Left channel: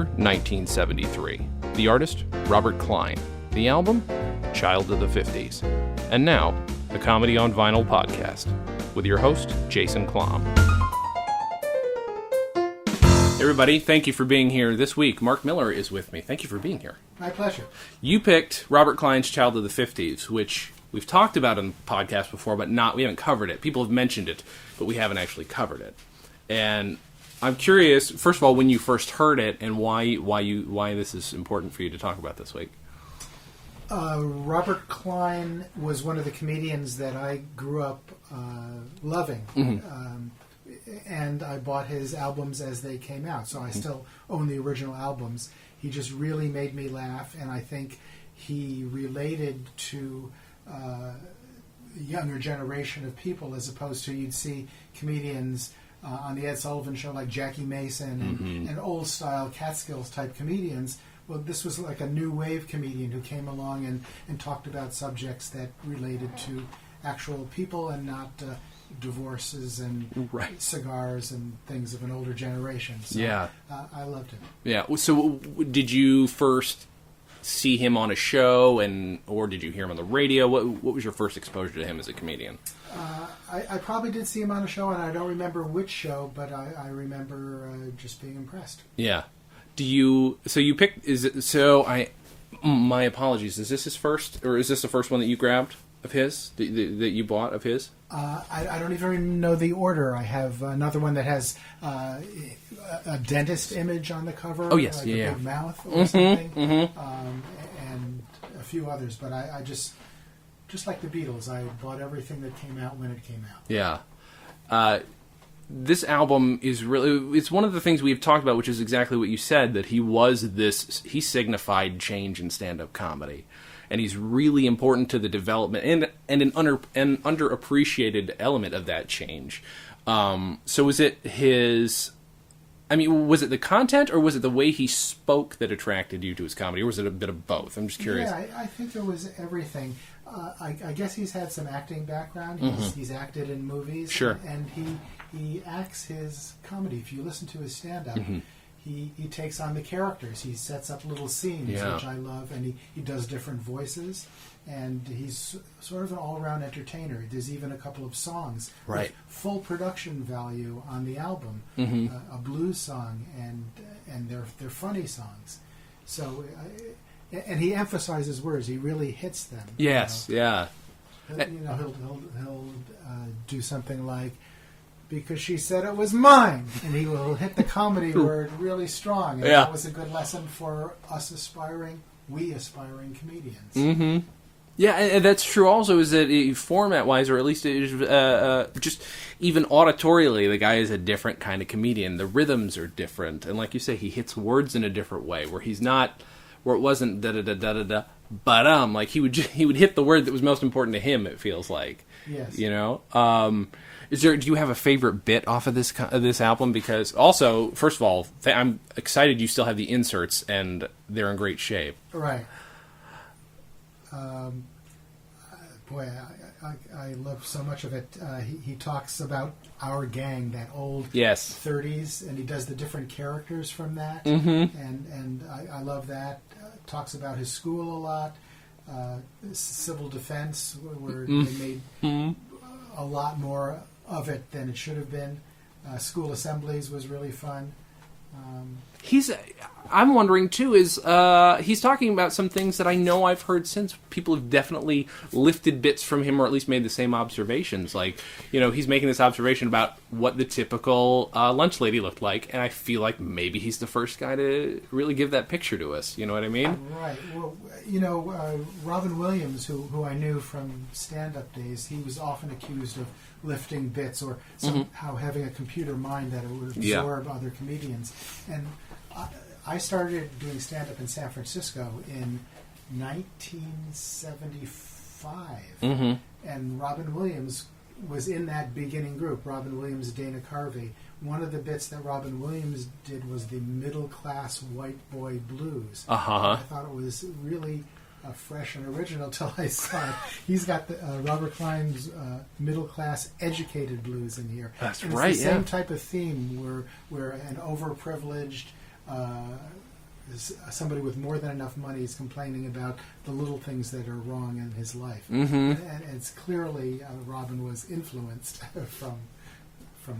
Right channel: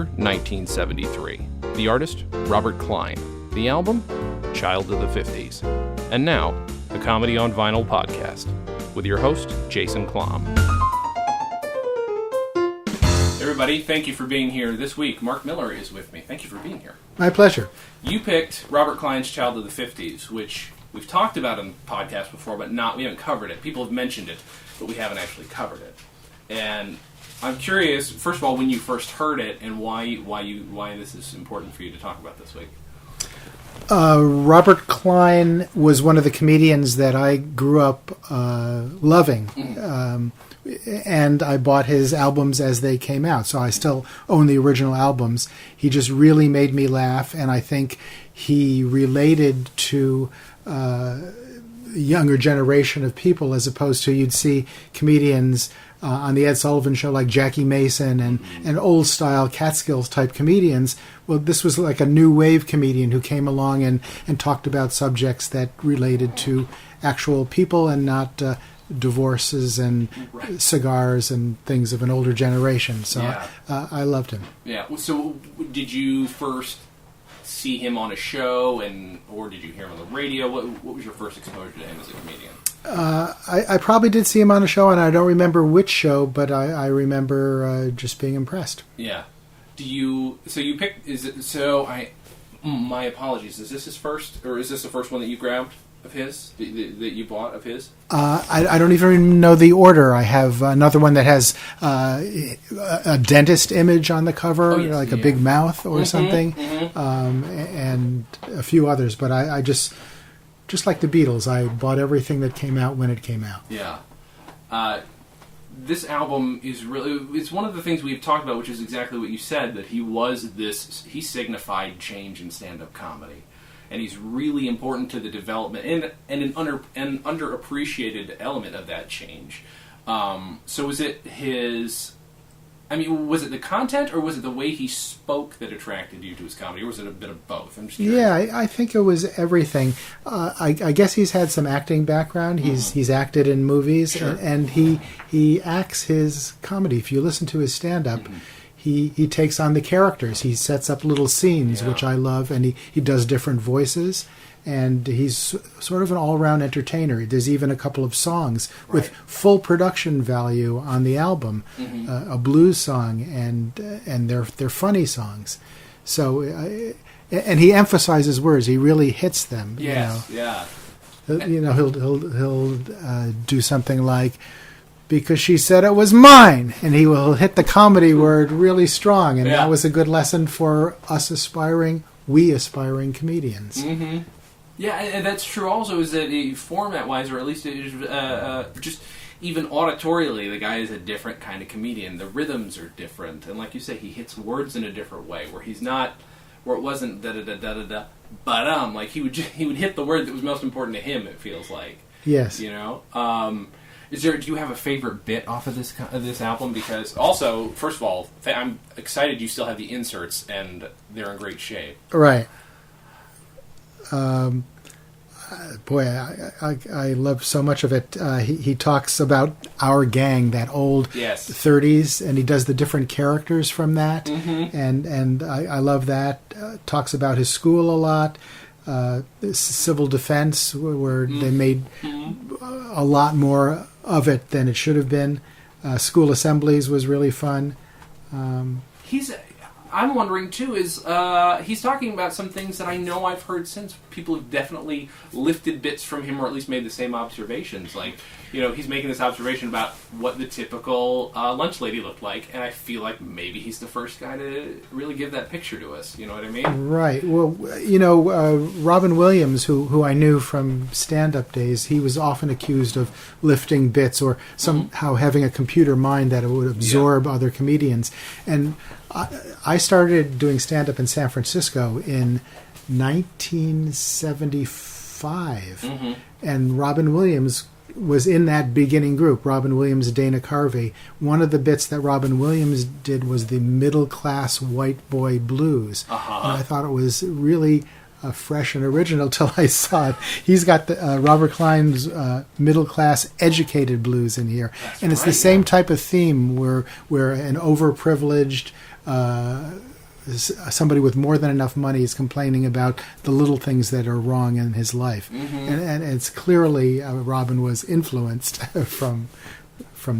year 1973. The artist, Robert Klein. The album, Child of the 50s. And now, the Comedy on Vinyl podcast, with your host, Jason Klamm. Hey everybody, thank you for being here this week. Mark Miller is with me. Thank you for being here. My pleasure. You picked Robert Klein's Child of the 50s, which we've talked about in the podcast before, but we haven't covered it. People have mentioned it, but we haven't actually covered it. And I'm curious, first of all, when you first heard it, and why this is important for you to talk about this week. Robert Klein was one of the comedians that I grew up loving, and I bought his albums as they came out, so I still own the original albums. He just really made me laugh, and I think he related to a younger generation of people, as opposed to you'd see comedians on the Ed Sullivan Show like Jackie Mason and old-style Catskills-type comedians. Well, this was like a new wave comedian who came along and talked about subjects that related to actual people and not divorces and cigars and things of an older generation. So yeah. I loved him. Yeah. So did you first see him on a show, or did you hear him on the radio? What was your first exposure to him as a comedian? I probably did see him on a show, and I don't remember which show, but I remember just being impressed. Yeah. My apologies. Is this his first, or is this the first one that you grabbed of his, that you bought of his? I don't even know the order. I have another one that has a dentist image on the cover, a big mouth or something, and a few others. But I just like the Beatles, I bought everything that came out when it came out. Yeah. This album is it's one of the things we've talked about, which is exactly what you said, that he signified change in stand-up comedy. And he's really important to the development and an underappreciated element of that change. So was it was it the content, or was it the way he spoke that attracted you to his comedy, or was it a bit of both? I'm just curious. Yeah, I think it was everything. I guess he's had some acting background. He's acted in movies, sure. and he acts his comedy. If you listen to his stand-up, he takes on the characters. He sets up little scenes, which I love, and he does different voices. And he's sort of an all-around entertainer. There's even a couple of songs with full production value on the album, a blues song, and they're funny songs. So, and he emphasizes words. He really hits them. Yes, yeah. He'll do something like, "Because she said it was mine," and he will hit the comedy word really strong. And that was a good lesson for us aspiring comedians. Mm-hmm. Yeah, and that's true also, is that format-wise, or at least just even auditorially, the guy is a different kind of comedian. The rhythms are different. And like you say, he hits words in a different way, where it wasn't da-da-da-da-da-da, but like he would hit the word that was most important to him, it feels like. Yes. You know? Do you have a favorite bit off of this album? Because also, first of all, I'm excited you still have the inserts, and they're in great shape. Right. Boy, I love so much of it. He talks about Our Gang, that old 30s, and he does the different characters from that, and I love that. Talks about his school a lot, civil defense, where they made a lot more of it than it should have been. School assemblies was really fun. I'm wondering, too, is he's talking about some things that I know I've heard since. People have definitely lifted bits from him, or at least made the same observations. Like, he's making this observation about what the typical lunch lady looked like, and I feel like maybe he's the first guy to really give that picture to us. You know what I mean? Right. Well, Robin Williams, who I knew from stand-up days, he was often accused of lifting bits or somehow having a computer mind that it would absorb other comedians. And I started doing stand-up in San Francisco in 1975, and Robin Williams was in that beginning group, Robin Williams, Dana Carvey. One of the bits that Robin Williams did was the middle-class white boy blues. And I thought it was really fresh and original till I saw it. He's got the Robert Klein's middle-class educated blues in here. That's and it's the same type of theme where an overprivileged somebody with more than enough money is complaining about the little things that are wrong in his life. And it's clearly Robin was influenced from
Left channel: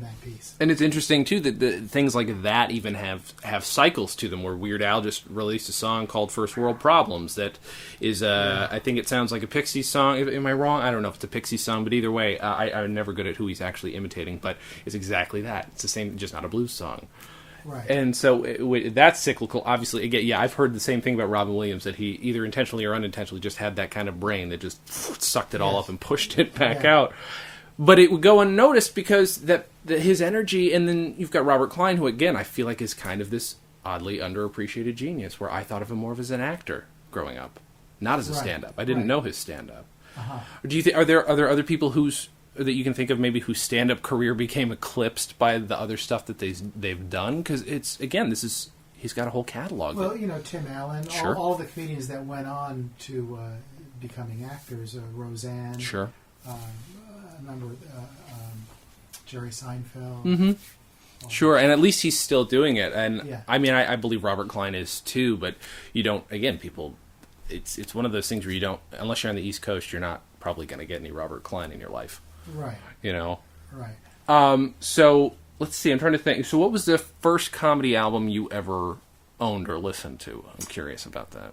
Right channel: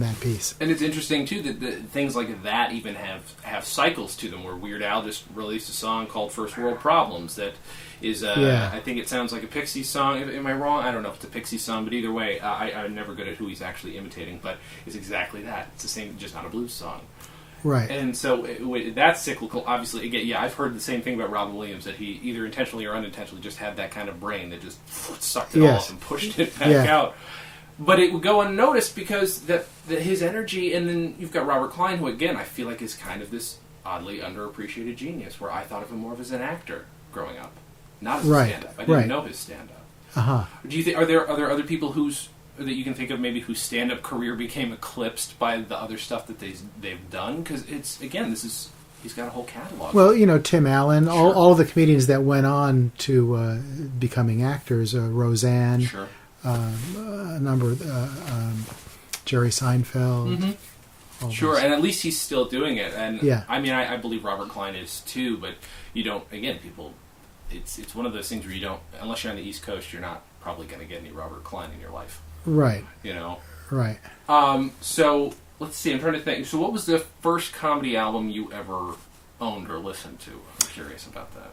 that piece. And it's interesting too that things like that even have cycles to them, where Weird Al just released a song called First World Problems that is I think it sounds like a Pixies song. Am I wrong? I don't know if it's a Pixies song, but either way, I'm never good at who he's actually imitating, but it's exactly that. It's the same, just not a blues song. Right. And so that's cyclical. Obviously, again, yeah, I've heard the same thing about Robin Williams, that he either intentionally or unintentionally just had that kind of brain that just sucked it all up and pushed it back out. But it would go unnoticed because that his energy, and then you've got Robert Klein, who again I feel like is kind of this oddly underappreciated genius, where I thought of him more of as an actor growing up, not as a stand-up. I didn't know his stand-up. Do you think are there other people that you can think of maybe whose stand-up career became eclipsed by the other stuff that they've done? Because it's, again, he's got a whole catalog. Well, Tim Allen, Sure. all the comedians that went on to becoming actors, Roseanne, Sure. A number of Jerry Seinfeld. Sure, and at least he's still doing it. And yeah. I mean, I believe Robert Klein is too, but you don't, again, people, it's one of those things where you don't, unless you're on the East Coast, you're not probably going to get any Robert Klein in your life. Right. Right. So let's see. I'm trying to think. So, what was the first comedy album you ever owned or listened to? I'm curious about that.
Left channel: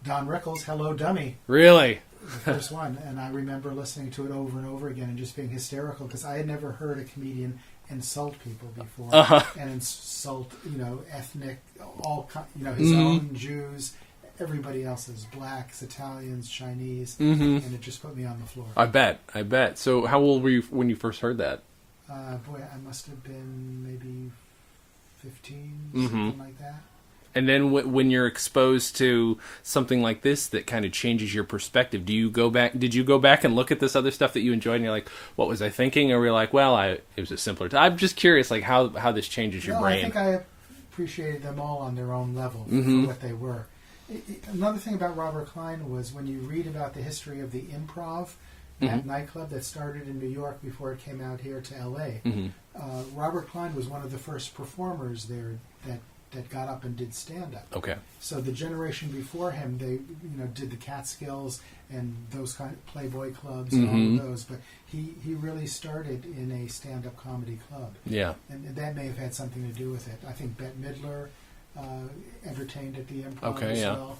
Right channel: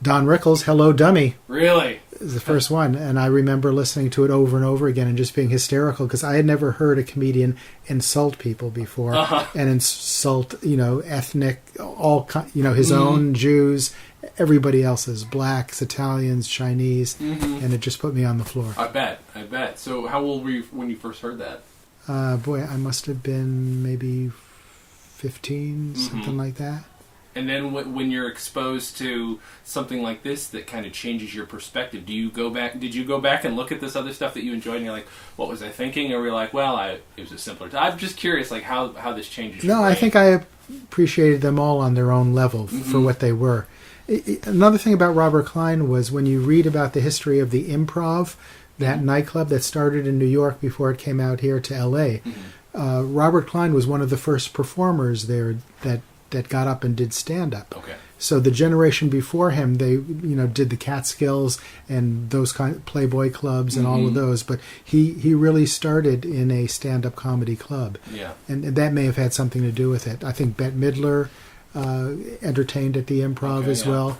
Don Rickles' "Hello, Dummy." Really? Is the first one, and I remember listening to it over and over again and just being hysterical because I had never heard a comedian insult people before and insult, ethnic, his own Jews. Everybody else's, blacks, Italians, Chinese, and it just put me on the floor. I bet. So how old were you when you first heard that? I must have been maybe 15, something like that. And then when you're exposed to something like this that kind of changes your perspective, did you go back and look at this other stuff that you enjoyed and you're like, what was I thinking? Or were you like, well, it was a simpler time. I'm just curious, like how this changes your brain. No, I think I appreciated them all on their own level for what they were. Another thing about Robert Klein was when you read about the history of the Improv, that nightclub that started in New York before it came out here to L.A., Robert Klein was one of the first performers there that got up and did stand-up. Okay. So the generation before him, they did the Catskills and those kind of Playboy clubs and all of those, but he really started in a stand-up comedy club. Yeah. And that may have had something to do with it. I think Bette Midler entertained at the Improv as well,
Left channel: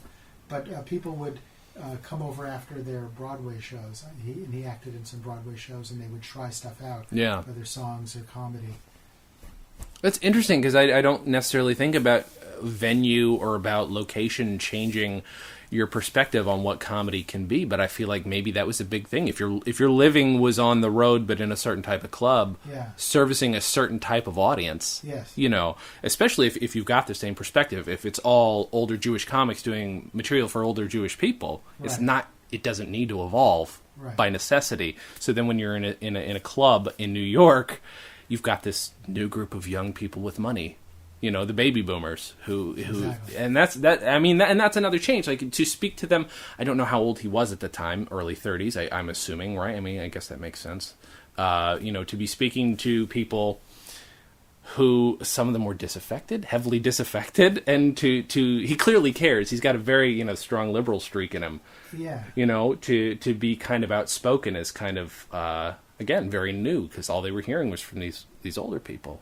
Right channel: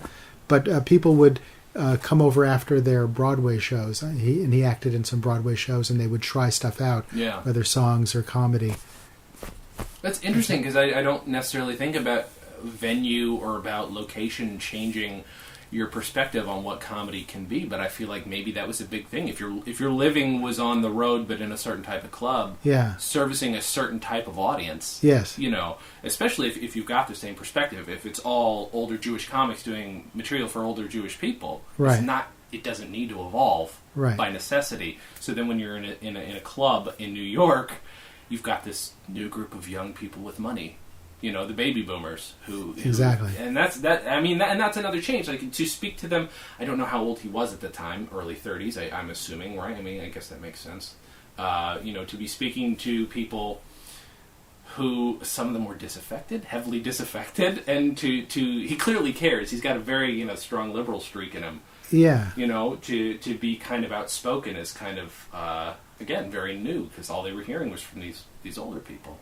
but people would come over after their Broadway shows. He acted in some Broadway shows, and they would try stuff out, whether songs or comedy. That's interesting because I don't necessarily think about venue or about location changing your perspective on what comedy can be, but I feel like maybe that was a big thing. If your living was on the road but in a certain type of club, servicing a certain type of audience, especially if you've got the same perspective. If it's all older Jewish comics doing material for older Jewish people, it doesn't need to evolve by necessity. So then when you're in a club in New York, you've got this new group of young people with money. The baby boomers who exactly, and that's that. I mean, and that's another change. Like, to speak to them, I don't know how old he was at the time, early 30s. I'm assuming, right? I mean, I guess that makes sense. To be speaking to people who some of them were disaffected, heavily disaffected, and to he clearly cares. He's got a very strong liberal streak in him. Yeah. To be kind of outspoken is kind of again very new because all they were hearing was from these older people.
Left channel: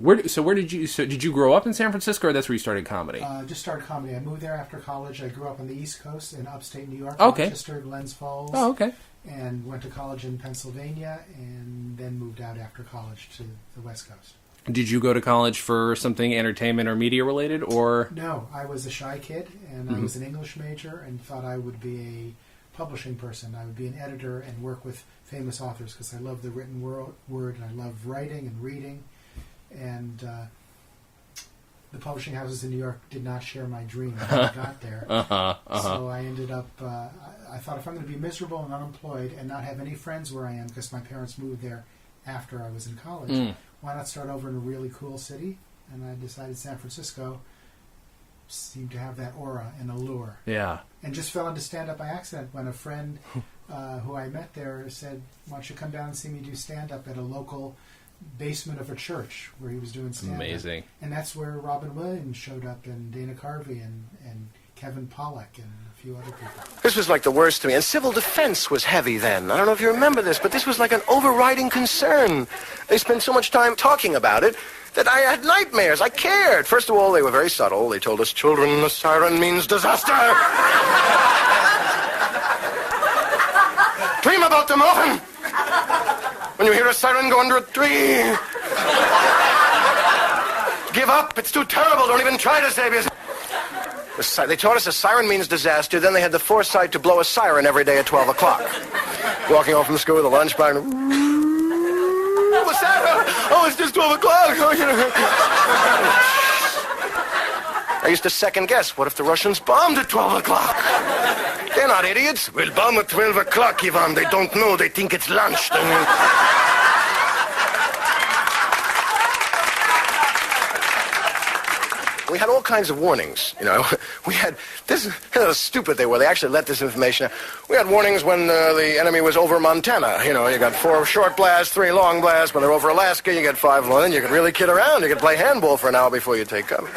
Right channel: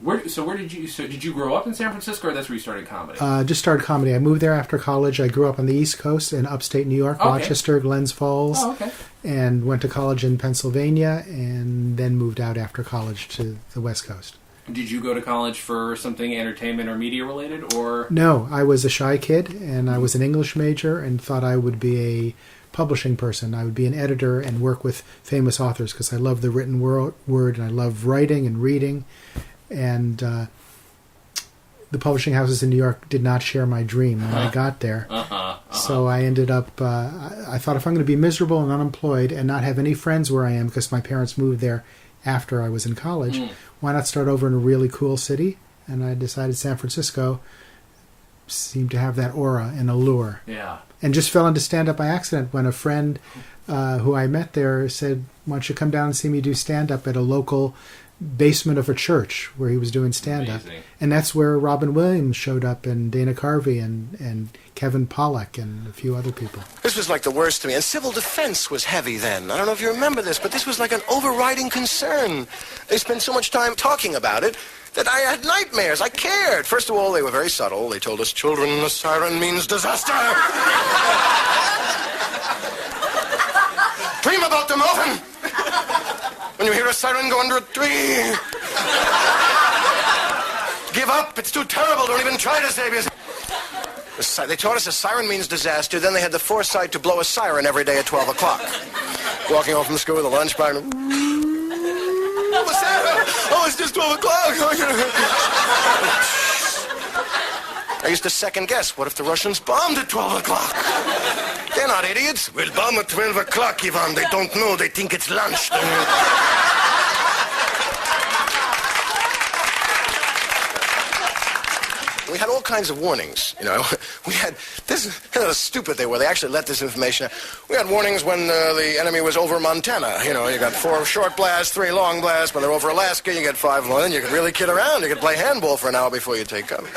Where did you grow up in San Francisco, or that's where you started comedy? Just started comedy. I moved there after college. I grew up on the East Coast in upstate New York, Rochester, Glens Falls. Oh, okay. And went to college in Pennsylvania, and then moved out after college to the West Coast. Did you go to college for something entertainment or media related, or? No, I was a shy kid, and I was an English major, and thought I would be a publishing person. I would be an editor and work with famous authors because I love the written word, and I love writing and reading. And the publishing houses in New York did not share my dream when I got there. So I ended up, I thought if I'm going to be miserable and unemployed and not have any friends where I am because my parents moved there after I was in college, why not start over in a really cool city? And I decided San Francisco seemed to have that aura and allure. Yeah. And just fell into stand-up by accident when a friend who I met there said, why don't you come down and see me do stand-up at a local basement of a church where he was doing stand-up. Amazing. And that's where Robin Williams showed up, and Dana Carvey, and Kevin Pollak, and a few other people. This was like the worst to me. And civil defense was heavy then. I don't know if you remember this, but this was like an overriding concern. They spent so much time talking about it that I had nightmares. I cared. First of all, they were very subtle. They told us, children, a siren means disaster. Dream about them often. When you hear a siren go under a tree, give up. It's too terrible. Don't even try to save yourself. They taught us a siren means disaster. Then they had the foresight to blow a siren every day at 12 o'clock. Walking home from school with a lunch bag. What's that? Oh, it's just 12 o'clock. I used to second guess. What if the Russians bombed at 12 o'clock? They're not idiots. We'll bomb at 12 o'clock, Ivan. They don't know. They think it's lunch. We had all kinds of warnings, you know. We had this, how stupid they were. They actually let this information out. We had warnings when the enemy was over Montana. You know, you got 4 short blasts, 3 long blasts. When they're over Alaska, you get 5 long. Then you could really kid around. You could play handball for an hour before you take cover.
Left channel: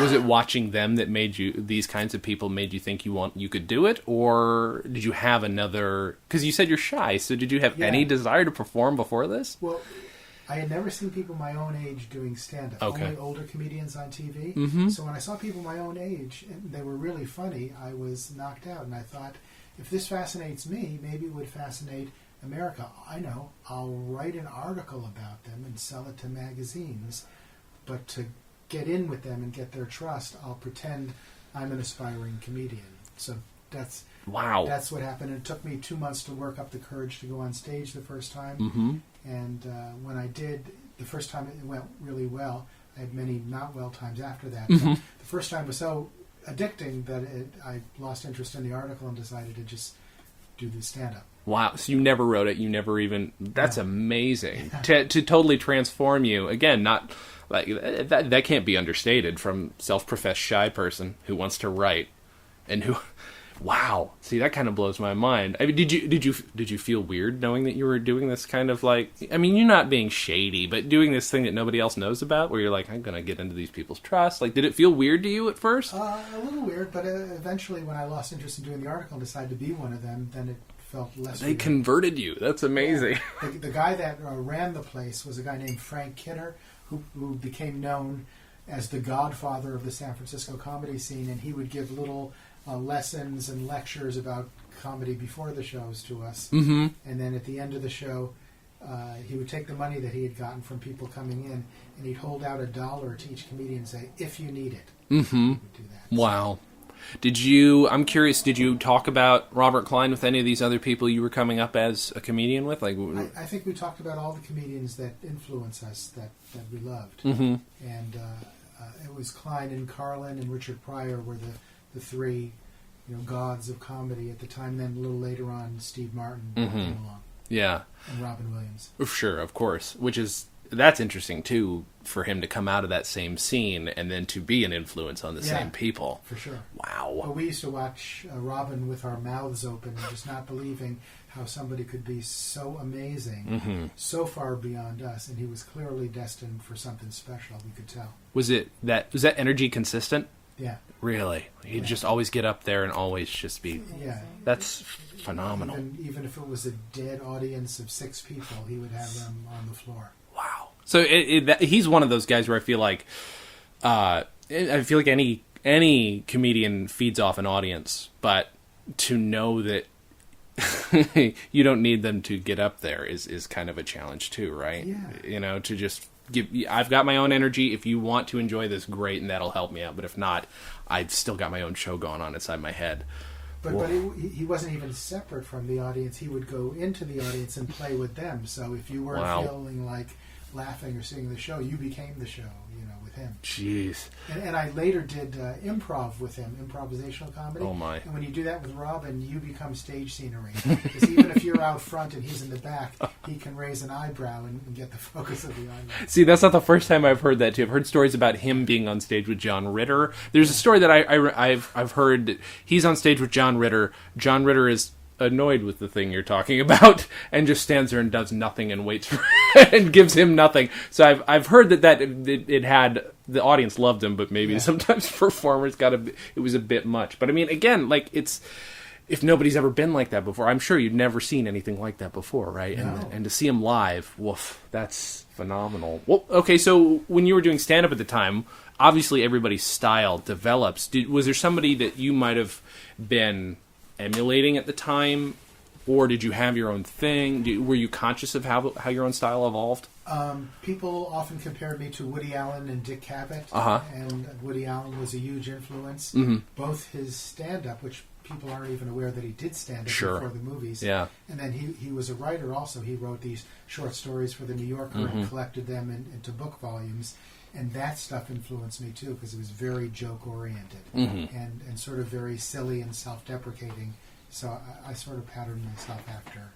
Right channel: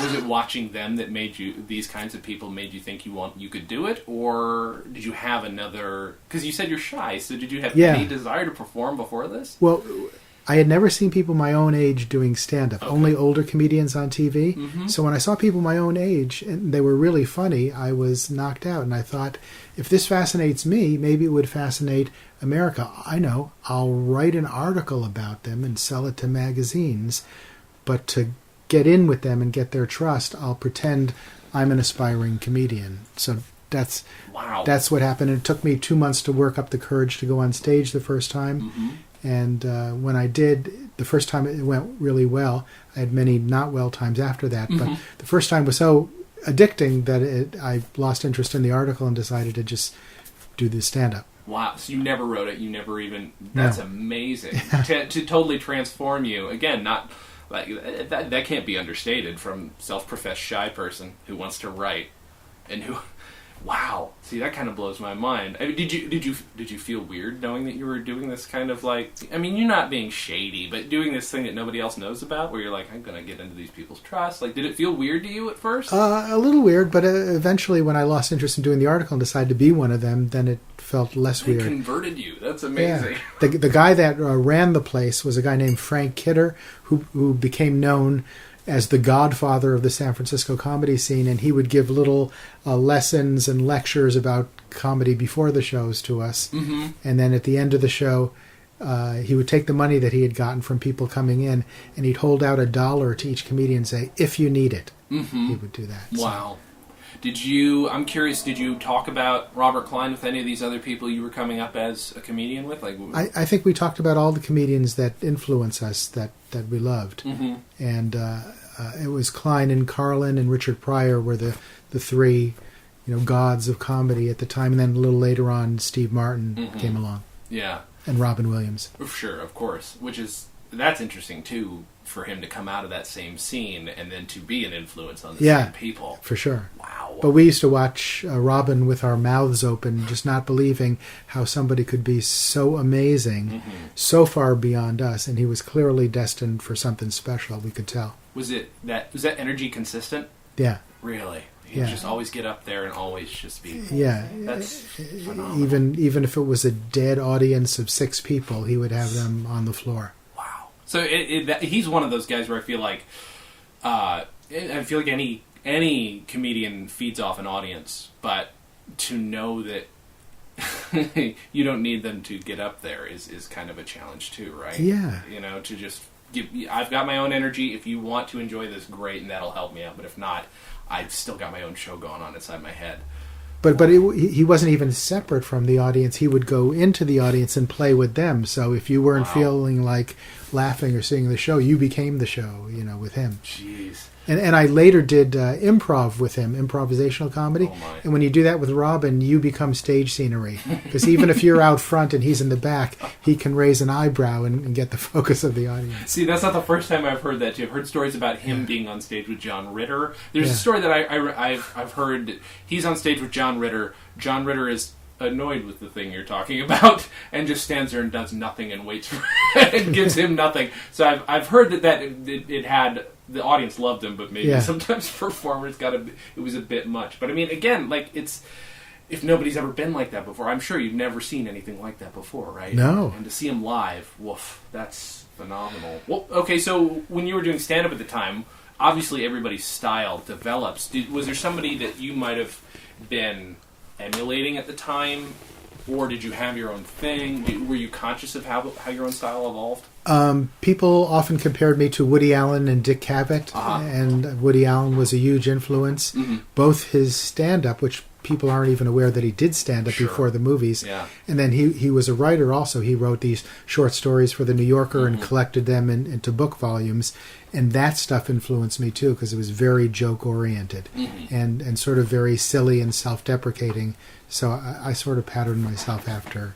Was it watching them that made you, these kinds of people made you think you could do it? Or did you have another, because you said you're shy, so did you have any desire to perform before this? Well, I had never seen people my own age doing stand-up, only older comedians on TV. Mm-hmm. So when I saw people my own age, and they were really funny, I was knocked out. And I thought, if this fascinates me, maybe it would fascinate America. I know, I'll write an article about them and sell it to magazines. But to get in with them and get their trust, I'll pretend I'm an aspiring comedian. So that's what happened. And it took me 2 months to work up the courage to go on stage the first time. Mm-hmm. And when I did, the first time it went really well. I had many not well times after that. Mm-hmm. But the first time was so addicting that I lost interest in the article and decided to just do the stand-up. Wow. So you never wrote it. You never even... That's amazing. to totally transform you. Again, not... like that can't be understated from self-professed shy person who wants to write and who... Wow. See, that kind of blows my mind. I mean, did you feel weird knowing that you were doing this kind of like... I mean, you're not being shady, but doing this thing that nobody else knows about, where you're like, I'm going to get into these people's trust. Like, did it feel weird to you at first? A little weird, but eventually when I lost interest in doing the article and decided to be one of them, then it felt less weird. They converted you. That's amazing. Yeah. The guy that ran the place was a guy named Frank Kidder, who became known as the godfather of the San Francisco comedy scene, and he would give little lessons and lectures about comedy before the shows to us. Mm-hmm. And then at the end of the show, he would take the money that he had gotten from people coming in, and he'd hold out $1 to each comedian and say, if you need it. Mm-hmm. He would do that. Wow. I'm curious, did you talk about Robert Klein with any of these other people you were coming up as a comedian with? Like, I think we talked about all the comedians that influence us, that we loved. Mm-hmm. And it was Klein and Carlin and Richard Pryor were the 3, gods of comedy at the time. And then a little later on, Steve Martin came along. Yeah. And Robin Williams. Sure, of course. That's interesting, too, for him to come out of that same scene and then to be an influence on the same people. For sure. Wow. But we used to watch Robin with our mouths open, just not believing how somebody could be so amazing, so far beyond us, and he was clearly destined for something special, we could tell. Was that energy consistent? Yeah. Really? He'd just always get up there and always just be... Yeah. That's phenomenal. Even if it was a dead audience of 6 people, he would have them on the floor. So he's one of those guys where I feel like any comedian feeds off an audience, but to know that you don't need them to get up there is kind of a challenge too, right? Yeah. To just give. I've got my own energy. If you want to enjoy this, great, and that'll help me out. But if not, I've still got my own show going on inside my head. But he wasn't even separate from the audience. He would go into the audience and play with them. So if you weren't feeling like laughing or seeing the show, you became the show, with him. Jeez. And I later did improv with him, improvisational comedy. Oh my. And when you do that with Robin, you become stage scenery. Because even if you're out front and he's in the back, he can raise an eyebrow and get the focus of the audience. See, that's not the first time I've heard that too. I've heard stories about him being on stage with John Ritter. There's a story that I've heard. He's on stage with John Ritter. John Ritter is annoyed with the thing you're talking about and just stands there and does nothing and waits for and gives him nothing. So I've heard that it had, the audience loved him, but maybe sometimes performers it was a bit much. But I mean, again, like, it's, if nobody's ever been like that before, I'm sure you've never seen anything like that before, right? No. And to see him live, woof, that's phenomenal. Well, okay, so when you were doing stand-up at the time, obviously everybody's style develops. Was there somebody that you might have been emulating at the time, or did you have your own thing? Were you conscious of how your own style evolved? People often compared me to Woody Allen and Dick Cavett, and Woody Allen was a huge influence. Mm-hmm. Both his stand-up, which people aren't even aware that he did stand-up before the movies, and then he was a writer also. He wrote these short stories for The New Yorker and collected them into book volumes, and that stuff influenced me too, because it was very joke-oriented and sort of very silly and self-deprecating. So I sort of patterned myself after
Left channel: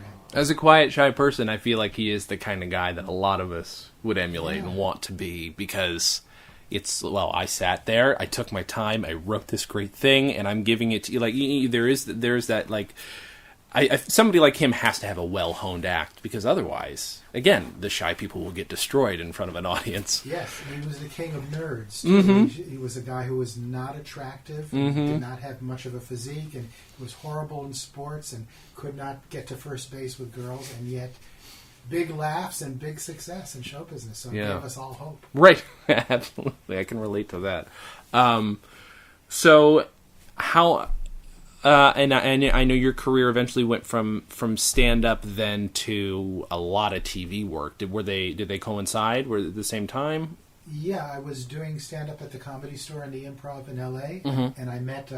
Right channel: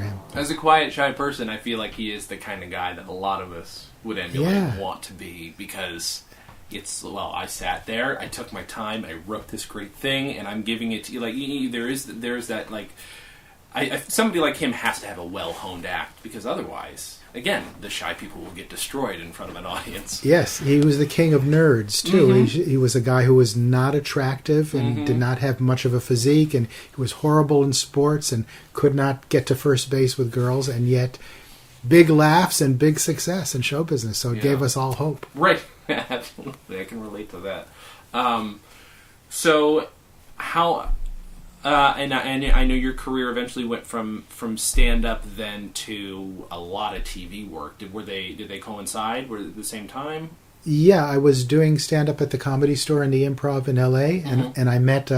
him. As a quiet, shy person, I feel like he is the kind of guy that a lot of us would emulate and want to be, because it's, well, I sat there, I took my time, I wrote this great thing, and I'm giving it to you. Like, there is that, like, somebody like him has to have a well-honed act, because otherwise, again, the shy people will get destroyed in front of an audience. Yes, he was the king of nerds, too. Mm-hmm. He was a guy who was not attractive and did not have much of a physique, and he was horrible in sports and could not get to first base with girls, and yet big laughs and big success in show business. So it gave us all hope. Right. Absolutely. I can relate to that. So how... and I know your career eventually went from stand-up then to a lot of TV work. Did they coincide? Were they at the same time? Yeah, I was doing stand-up at the Comedy Store in the Improv in L.A., and I met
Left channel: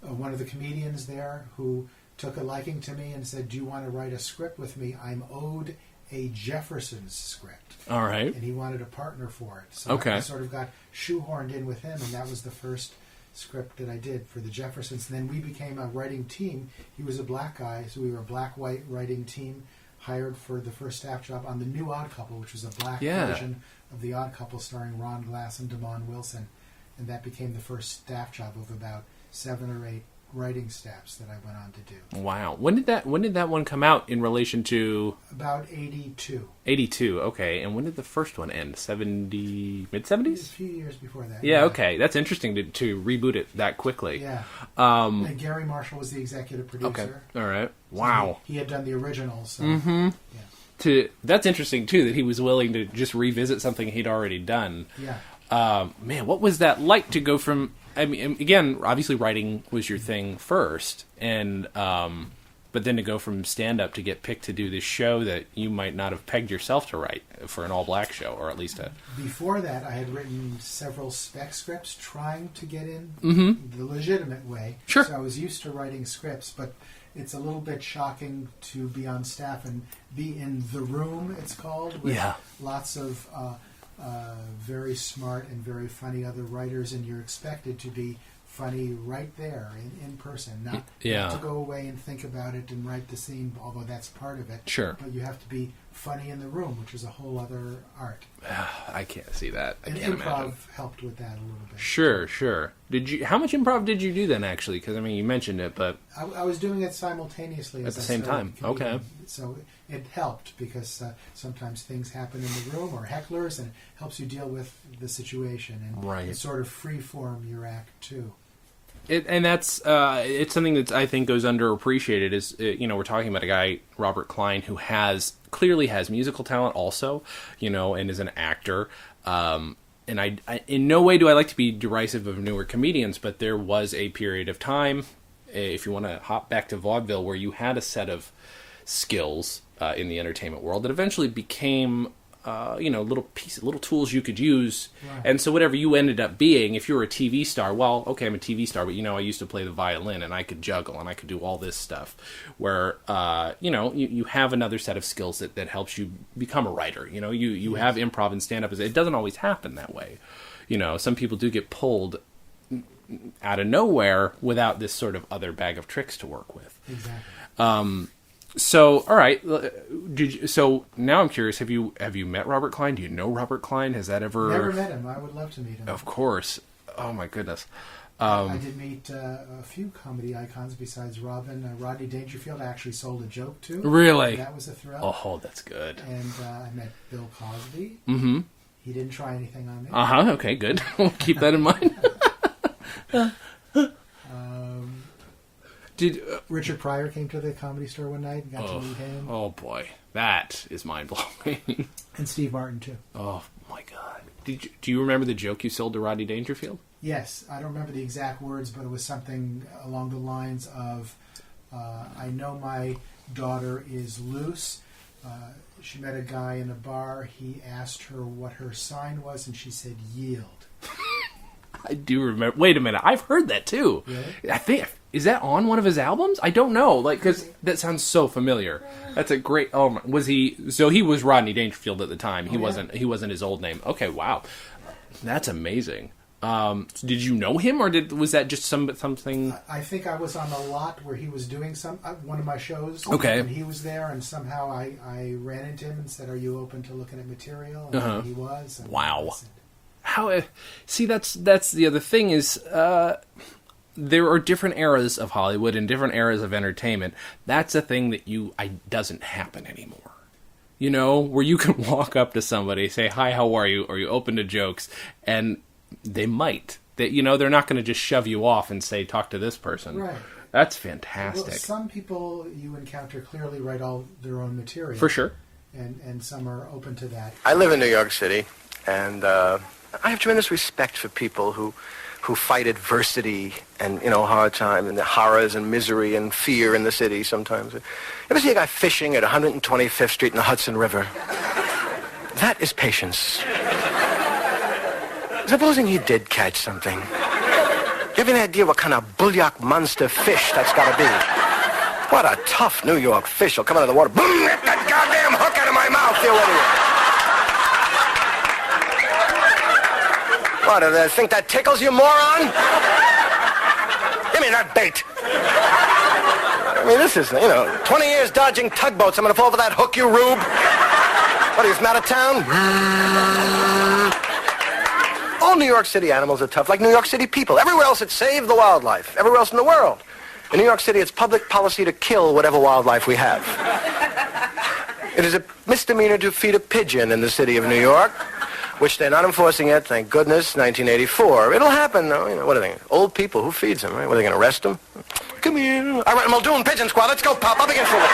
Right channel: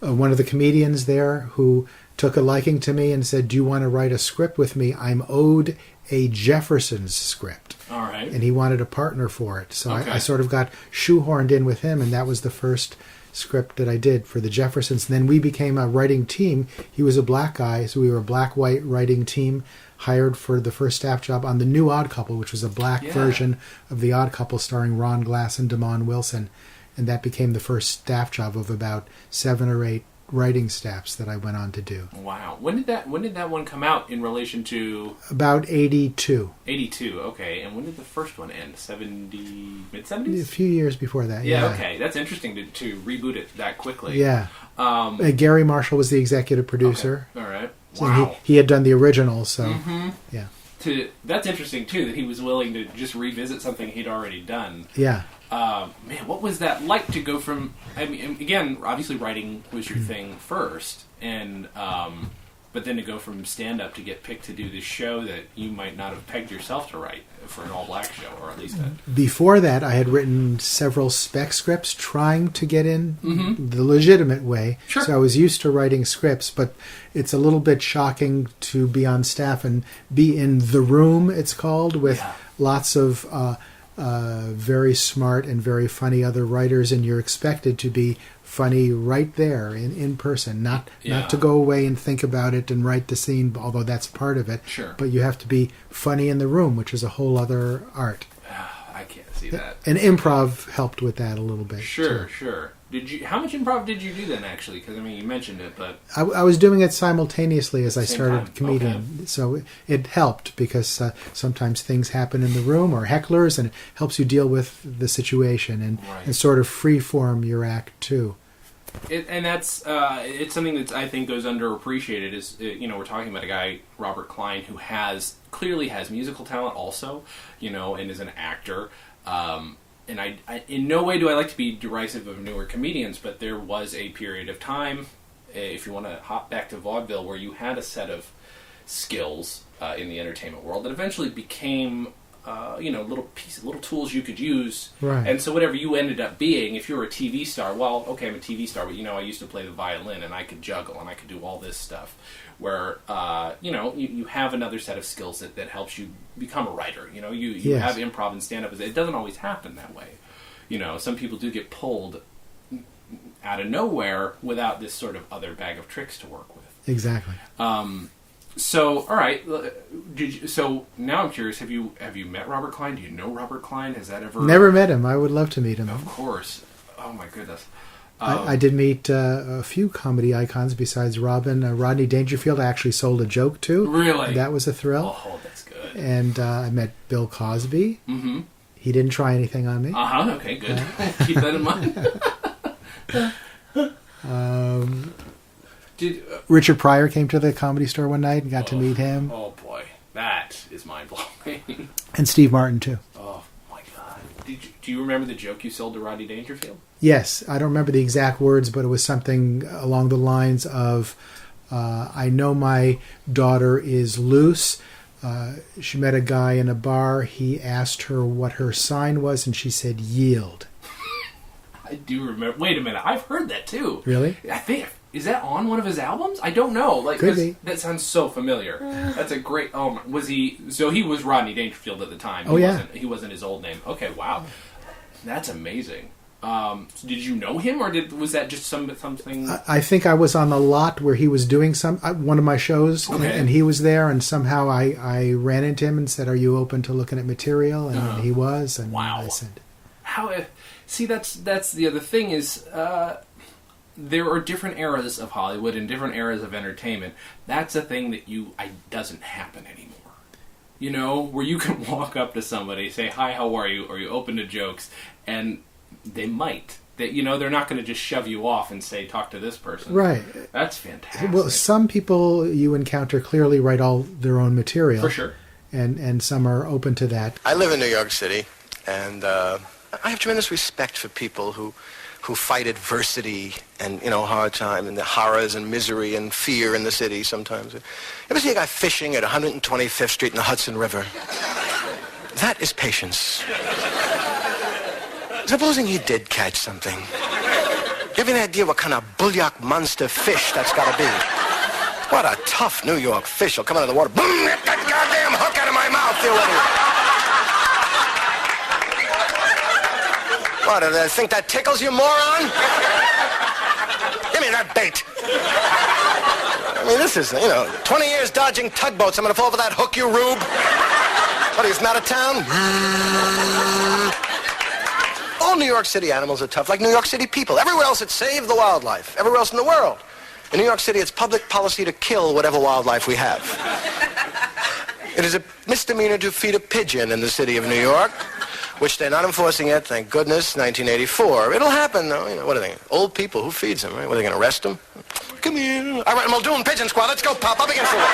one of the comedians there who took a liking to me and said, "Do you want to write a script with me? I'm owed a Jeffersons script." All right. And he wanted a partner for it. So okay. I sort of got shoehorned in with him, and that was the first script that I did for the Jeffersons. And then we became a writing team. He was a black guy, so we were a black-white writing team, hired for the first staff job on The New Odd Couple, which was a black version of The Odd Couple starring Ron Glass and Damon Wilson. And that became the first staff job of about 7 or 8 writing staffs that I went on to do. Wow. When did that one come out in relation to? About 82. 82, okay. And when did the first one end? Mid-70s? A few years before that. Yeah, okay. That's interesting to reboot it that quickly. Yeah. Gary Marshall was the executive producer. Okay. All right. So wow. He had done the original, so yeah. That's interesting too, that he was willing to just revisit something he'd already done. Yeah. Man, what was that like to go from? I mean, again, obviously writing was your thing first, and but then to go from stand-up to get picked to do this show that you might not have pegged yourself to write for an all-black show, or at least Before that, I had written several spec scripts trying to get in the legitimate way. Sure. So I was used to writing scripts, but it's a little bit shocking to be on staff and be in the room, it's called, with lots of very smart and very funny other writers, and you're expected to be funny right there in person, not to go away and think about it and write the scene, although that's part of it. Sure. But you have to be funny in the room, which is a whole other art. I can't see that. And improv helped with that a little bit. Sure, sure. How much improv did you do then, actually? Because, I mean, you mentioned it, but... I was doing it simultaneously as I started comedian. Okay. So it helped, because sometimes things happen in the room, or hecklers, and it helps you deal with the situation and sort of free-form your act, too. And that's it's something that I think goes underappreciated. Is we're talking about a guy, Robert Klein, who clearly has musical talent also, and is an actor. And I in no way do I like to be derisive of newer comedians, but there was a period of time, if you want to hop back to vaudeville, where you had a set of skills in the entertainment world that eventually became little tools you could use. Right. And so whatever you ended up being, if you were a TV star, well, okay, I'm a TV star, but I used to play the violin and I could juggle and I could do all this stuff. Where you have another set of skills that helps you become a writer. You have improv and stand up. It doesn't always happen that way. Some people do get pulled out of nowhere without this sort of other bag of tricks to work with. Exactly. So, all right. So now I'm curious. Have you met Robert Klein? Do you know Robert Klein? Has that ever? Never met him. I would love to meet him. Of course. Oh my goodness. I did meet a few comedy icons besides Robin. Rodney Dangerfield I actually sold a joke to. Really? That was a thrill. Oh, that's good. And I met Bill Cosby. Mm-hmm. He didn't try anything on me. Uh-huh. Okay, good. Keep that in mind. Richard Pryor came to the Comedy Store one night and got to meet him. Oh, boy. That is mind-blowing. And Steve Martin, too. Oh, my God. Do you remember the joke you sold to Rodney Dangerfield? Yes. I don't remember the exact words, but it was something along the lines of, I know my daughter is loose. She met a guy in a bar. He asked her what her sign was, and she said, yield. I do remember. Wait a minute. I've heard that, too. Really? I think... Is that on one of his albums? I don't know. Like, that sounds so familiar. That's a great. Oh, was he? So he was Rodney Dangerfield at the time. He wasn't his old name. Okay, wow, that's amazing. Did you know him, or was that just something? I think I was on the lot where he was doing one of my shows. Okay. And he was there, and somehow I ran into him and said, "Are you open to looking at material?" And he was. And wow. I said, "How?" See, that's the other thing is. There are different eras of Hollywood and different eras of entertainment. That's a thing that doesn't happen anymore. You know, where you can walk up to somebody, say, "Hi, how are you?" Or you open to jokes, and they might. They're not going to just shove you off and say, "Talk to this person." Right. That's fantastic. Well, some people you encounter clearly write all their own material. For sure. And some are open to that. I live in New York City, and I have tremendous respect for people who fight adversity and, hard time and the horrors and misery and fear in the city sometimes. You ever see a guy fishing at 125th Street in the Hudson River? That is patience. Supposing he did catch something. Do you have any idea what kind of bulldog monster fish that's got to be? What a tough New York fish. He'll come out of the water. Boom! Get that goddamn hook out of my mouth, you idiot. What, do they think that tickles you, moron? Give me that bait. I mean, this is, 20 years dodging tugboats. I'm going to fall for that hook, you rube. What are you, from out of town? All New York City animals are tough, like New York City people. Everywhere else, it's save the wildlife. Everywhere else in the world. In New York City, it's public policy to kill whatever wildlife we have. It is a misdemeanor to feed a pigeon in the city of New York, which they're not enforcing yet, thank goodness, 1984. It'll happen, though. What are they? Old people, who feeds them, right? What, are they going to arrest them? Come here. All right, Muldoon Pigeon Squad, let's go, Pop, up against the wall.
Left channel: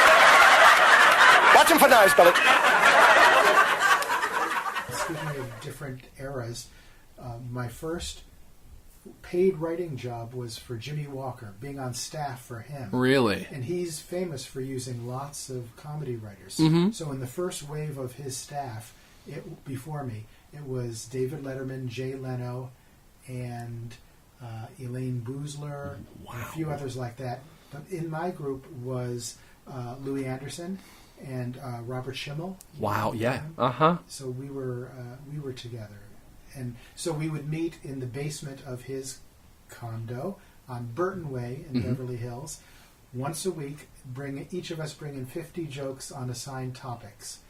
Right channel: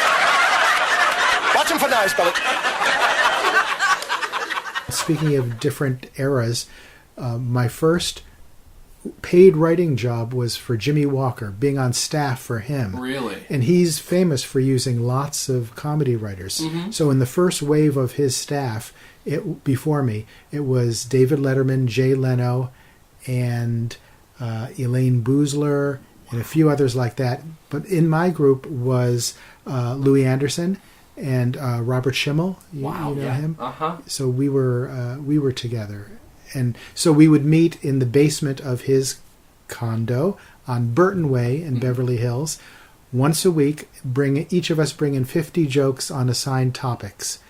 Watch him for knives, Billy. Speaking of different eras, my first paid writing job was for Jimmy Walker, being on staff for him. Really? And he's famous for using lots of comedy writers. Mm-hmm. So in the first wave of his staff, before me, it was David Letterman, Jay Leno, and Elaine Boozler, and a few others like that. But in my group was Louis Anderson and Robert Schimmel. Wow, you know him? Uh-huh. So we were together. And so we would meet in the basement of his condo on Burton Way in Beverly Hills once a week, each of us bring in 50 jokes on assigned topics.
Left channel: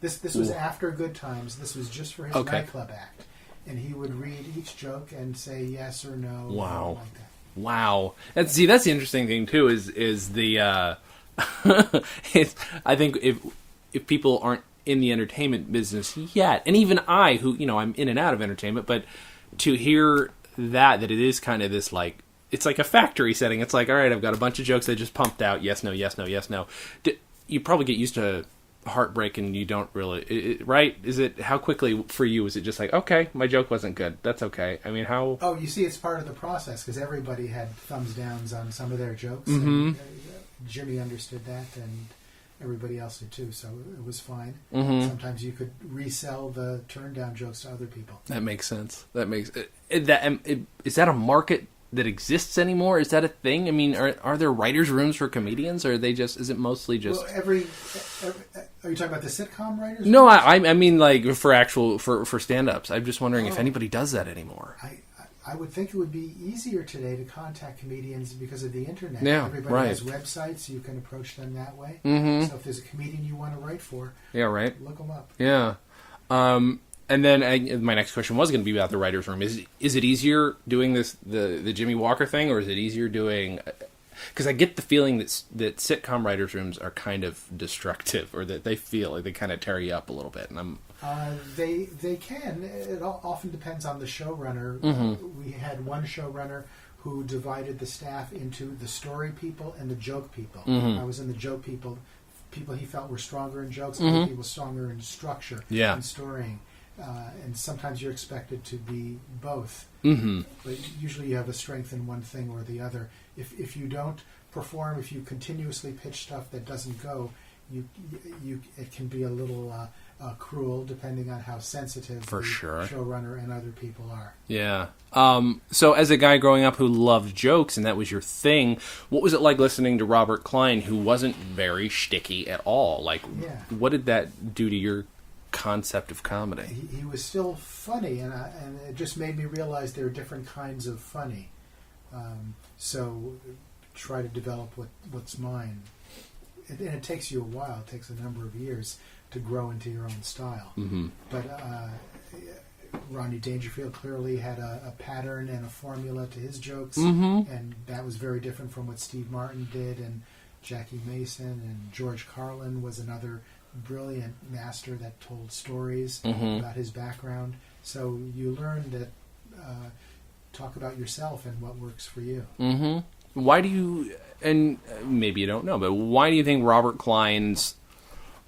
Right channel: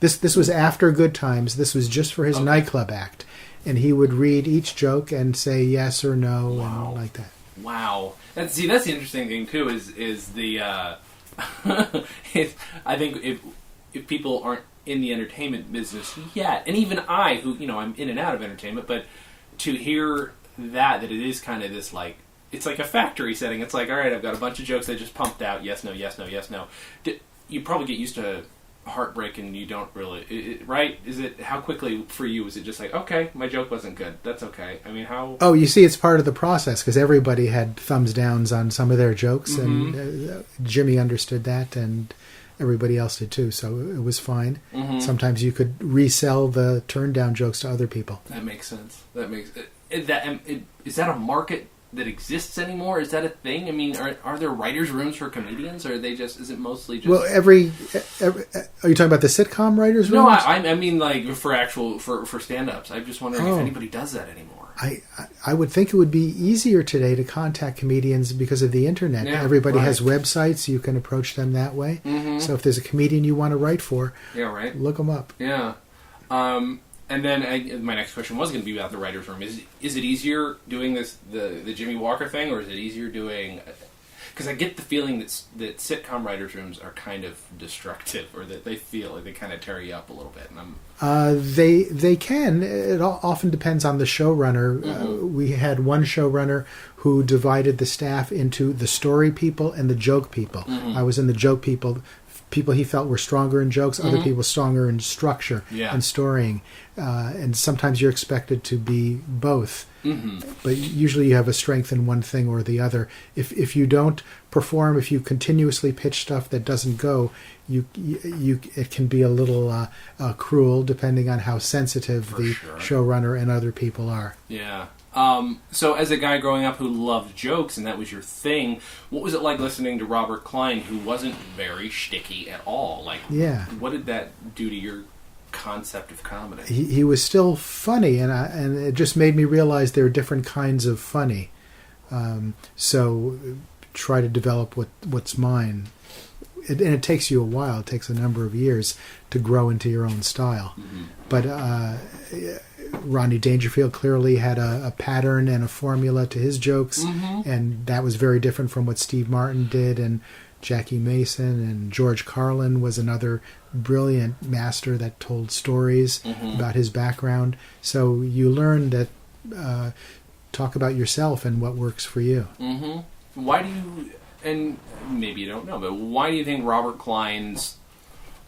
This was after Good Times. This was just for his nightclub act. And he would read each joke and say yes or no. Wow. Like that. Wow. That's the interesting thing, too, is the... I think if people aren't in the entertainment business yet, and even I, who, I'm in and out of entertainment, but to hear that it is kind of this, like, it's like a factory setting. It's like, all right, I've got a bunch of jokes that just pumped out. Yes, no, yes, no, yes, no. You probably get used to heartbreak and you don't really, right? How quickly for you is it just like, okay, my joke wasn't good. That's okay. I mean, how... Oh, you see, it's part of the process because everybody had thumbs downs on some of their jokes, and Jimmy understood that, and everybody else did too, so it was fine. Mm-hmm. Sometimes you could resell the turn down jokes to other people. That makes sense. Is that a market that exists anymore? Is that a thing? I mean, are there writers' rooms for comedians, or are they is it mostly just... Well, every are you talking about the sitcom writers' rooms? No, I mean like for stand-ups. I'm just wondering if anybody does that anymore. I would think it would be easier today to contact comedians because of the internet. Yeah, everybody has websites. You can approach them that way. Mm-hmm. So if there's a comedian you want to write for, look them up. Yeah. And then my next question was going to be about the writer's room. Is it easier doing the Jimmy Walker thing, or is it easier doing... Because I get the feeling that sitcom writers' rooms are kind of destructive, or that they feel like they kind of tear you up a little bit. And they can. It often depends on the showrunner. We had one showrunner who divided the staff into the story people and the joke people. I was in the joke people. People he felt were stronger in jokes, other people stronger in structure and storying. And sometimes you're expected to be both. But usually you have a strength in one thing or the other. If you don't perform, if you continuously pitch stuff that doesn't go, it can be a little cruel, depending on how sensitive showrunner and other people are. Yeah. So as a guy growing up who loved jokes, and that was your thing, what was it like listening to Robert Klein, who wasn't very shticky at all? Like, what did that do to your concept of comedy? He was still funny, and it just made me realize there are different kinds of funny. So try to develop what's mine. And it takes you a while. It takes a number of years to grow into your own style. But Rodney Dangerfield clearly had a pattern and a formula to his jokes, and that was very different from what Steve Martin did, and Jackie Mason, and George Carlin was another brilliant master that told stories about his background. So you learn that talk about yourself and what works for you. Why do you, and maybe you don't know, but why do you think Robert Klein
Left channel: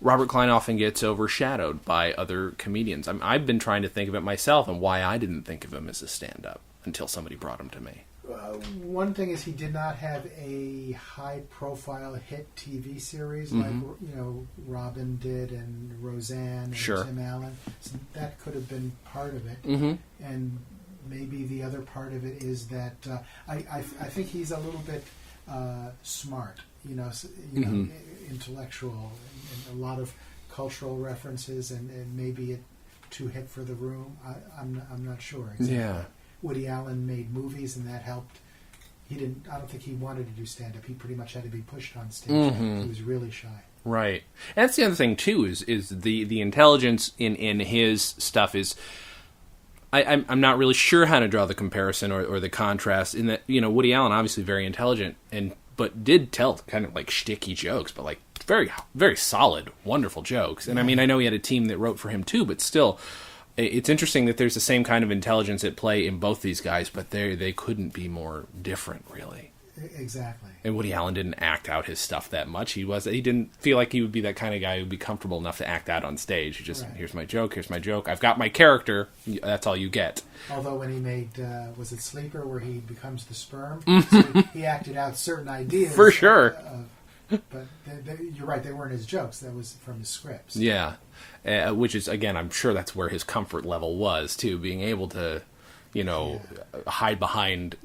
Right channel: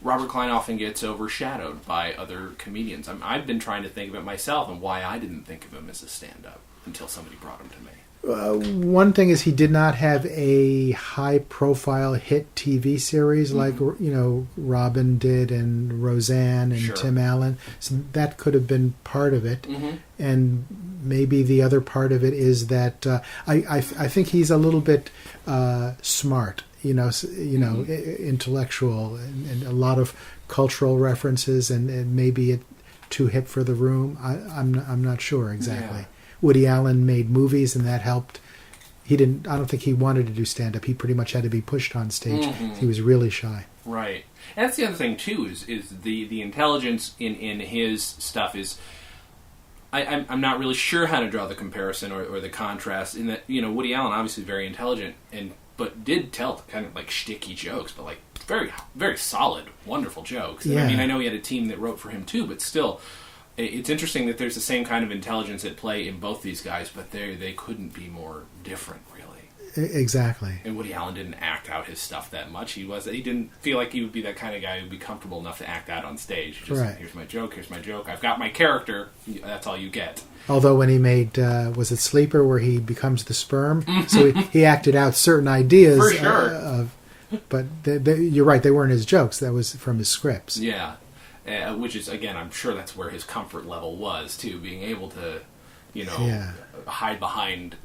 often gets overshadowed by other comedians? I've been trying to think of it myself and why I didn't think of him as a stand-up until somebody brought him to me. One thing is he did not have a high-profile hit TV series like Robin did and Roseanne and Tim Allen. So that could have been part of it. And maybe the other part of it is that I think he's a little bit smart. Intellectual and a lot of cultural references, and maybe it too hip for the room. I'm not sure exactly. Yeah. Woody Allen made movies, and that helped. I don't think he wanted to do stand-up. He pretty much had to be pushed on stage. He was really shy. Right. And that's the other thing too. Is the intelligence in his stuff is. I'm not really sure how to draw the comparison or the contrast. In that Woody Allen obviously very intelligent but did tell kind of like shticky jokes, but like very, very solid, wonderful jokes. And I know he had a team that wrote for him too, but still, it's interesting that there's the same kind of intelligence at play in both these guys, but they couldn't be more different, really. Exactly. And Woody Allen didn't act out his stuff that much. He didn't feel like he would be that kind of guy who'd be comfortable enough to act out on stage. He just, here's my joke, I've got my character, that's all you get. Although when he made, was it Sleeper, where he becomes the sperm? So he acted out certain ideas. For sure. But you're right, they weren't his jokes. That was from his scripts. Yeah. Which is, again, I'm sure that's where his comfort level was, too, being able to, not hide behind,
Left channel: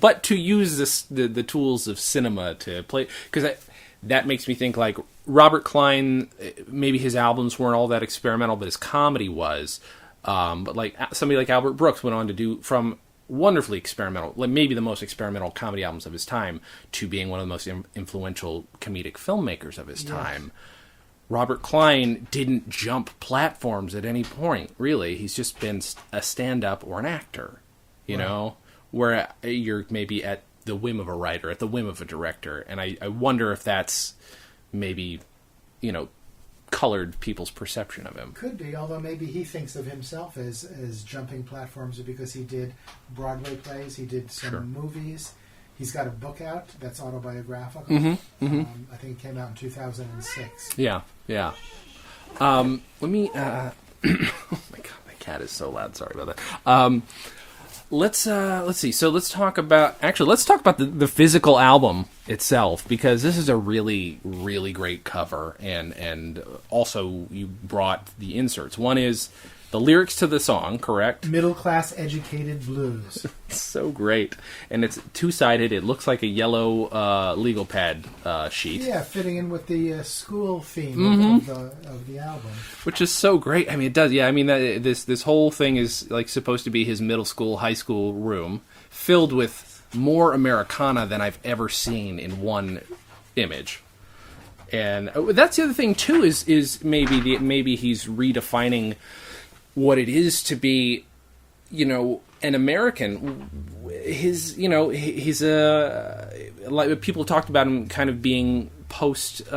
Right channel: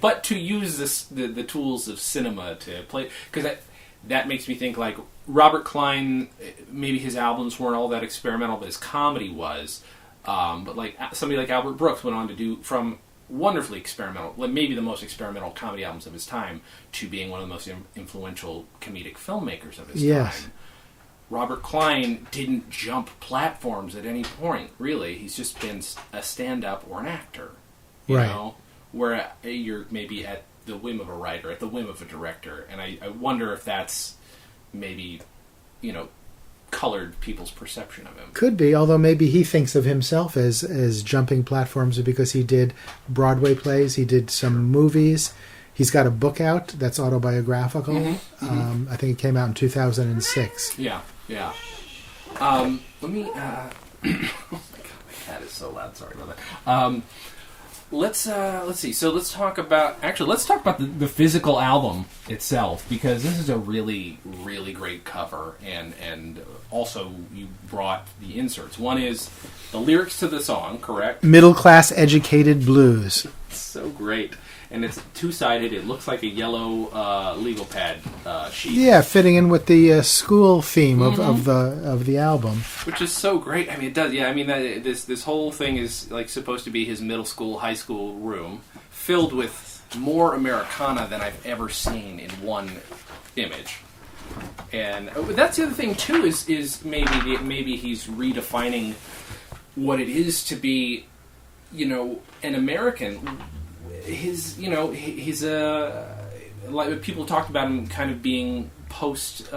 but to use the tools of cinema to play. Because that makes me think, like, Robert Klein, maybe his albums weren't all that experimental, but his comedy was. But, like, somebody like Albert Brooks went on to do, from wonderfully experimental, like maybe the most experimental comedy albums of his time, to being one of the most influential comedic filmmakers of his time. Robert Klein didn't jump platforms at any point, really. He's just been a stand-up or an actor, you know, where you're maybe at the whim of a writer, at the whim of a director. And I wonder if that's maybe, colored people's perception of him. Could be, although maybe he thinks of himself as jumping platforms because he did Broadway plays, he did some movies. He's got a book out that's autobiographical. I think it came out in 2006. Yeah. Let me. Oh my god, my cat is so loud. Sorry about that. Let's see. So let's talk about the physical album itself, because this is a really, really great cover, and also you brought the inserts. One is the lyrics to the song, correct? Middle class educated blues. So great. And it's two-sided. It looks like a yellow legal pad sheet. Yeah, fitting in with the school theme of the album. Which is so great. I mean, it does. Yeah, I mean, this whole thing is like supposed to be his middle school, high school room, filled with more Americana than I've ever seen in one image. And that's the other thing too. Is maybe he's redefining what it is to be, an American. He's like people talked about him kind of being post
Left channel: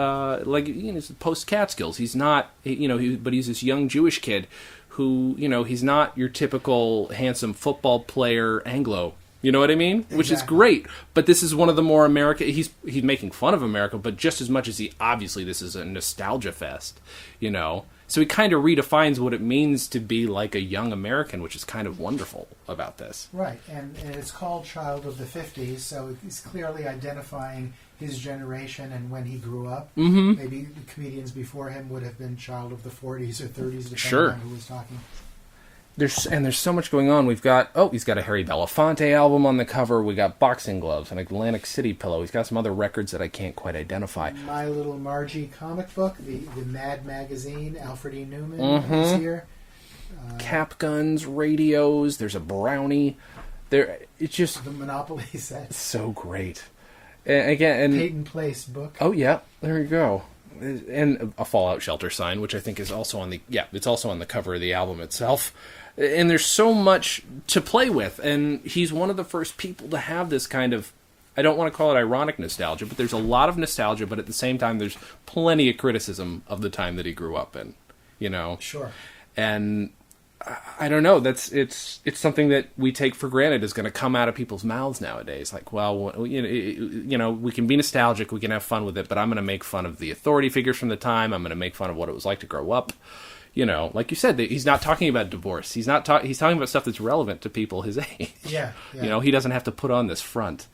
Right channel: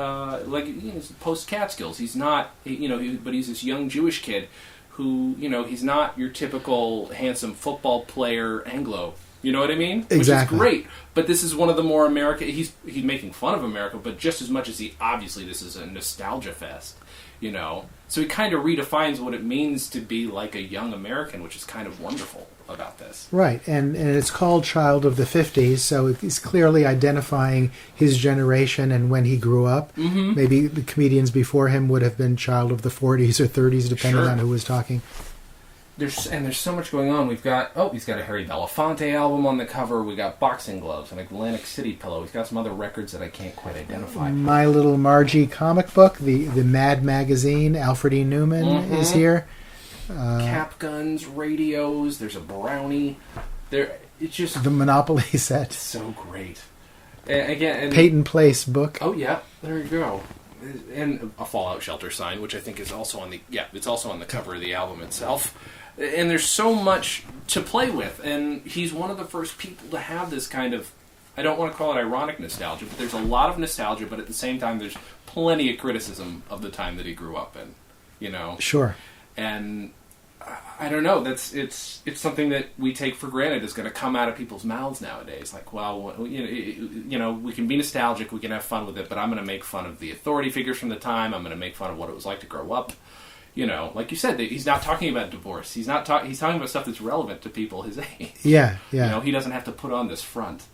Catskills. He's not, but he's this young Jewish kid who, he's not your typical handsome football player Anglo. You know what I mean? Exactly. Which is great. But this is one of the more American... He's making fun of America, but just as much as obviously this is a nostalgia fest, So he kind of redefines what it means to be like a young American, which is kind of wonderful about this. Right, and it's called Child of the 50s, so he's clearly identifying his generation and when he grew up. Mm-hmm. Maybe the comedians before him would have been Child of the 40s or 30s, depending on who was talking. There's so much going on. He's got a Harry Belafonte album on the cover. We got boxing gloves, an Atlantic City pillow. He's got some other records that I can't quite identify. My Little Margie comic book, the Mad magazine. Alfred E. Newman is here. Cap guns, radios. There's a brownie. It's just the Monopoly set. So great. And Peyton Place book. Oh yeah, there you go. And a Fallout Shelter sign, which I think is also on it's also on the cover of the album itself. And there's so much to play with, and he's one of the first people to have this kind of, I don't want to call it ironic nostalgia, but there's a lot of nostalgia, but at the same time there's plenty of criticism of the time that he grew up in, Sure. And I don't know, it's something that we take for granted is going to come out of people's mouths nowadays. Like, well, we can be nostalgic, we can have fun with it, but I'm going to make fun of the authority figures from the time. I'm going to make fun of what it was like to grow up. Like you said, he's not talking about divorce. He's talking about stuff that's relevant to people his age. Yeah. He doesn't have to put on this front.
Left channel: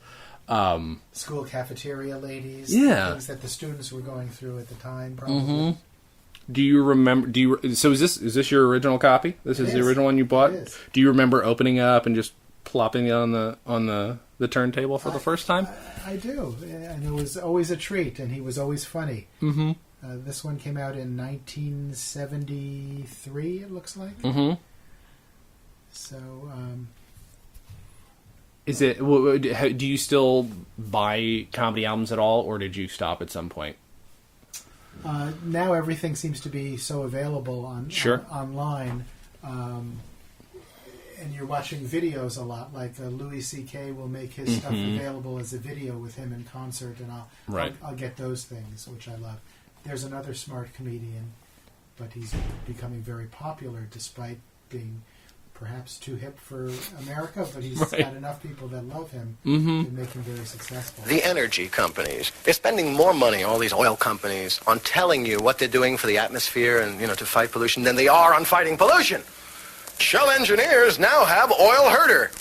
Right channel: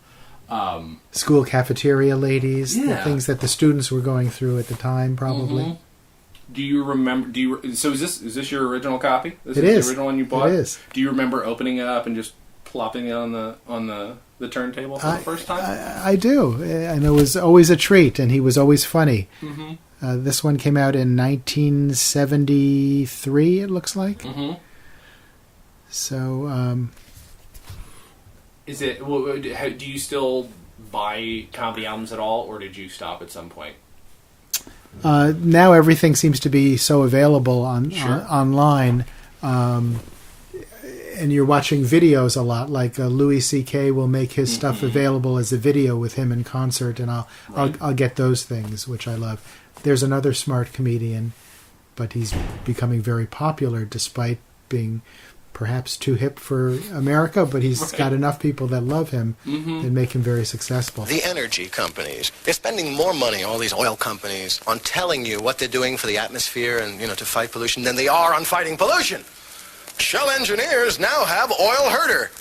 School cafeteria ladies, the things that the students were going through at the time, probably. Mm-hmm. Do you remember? So is this your original copy? This is the original one you bought. It is. Do you remember opening it up and just plopping it on the turntable for the first time? I do, and it was always a treat, and he was always funny. Mm-hmm. This one came out in 1973, it looks like. Mm-hmm. So, is it? Do you still buy comedy albums at all, or did you stop at some point? Now everything seems to be so available online, and you're watching videos a lot. Like Louis C.K. will make his stuff available as a video with him in concert, and I'll get those things, which I love. There's another smart comedian, but he's becoming very popular despite being perhaps too hip for America, but he's got enough people that love him and make him very successful. The energy companies, they're spending more money, all these oil companies, on telling you what they're doing for the atmosphere and, to fight pollution than they are on fighting pollution. Shell engineers now have oil herder.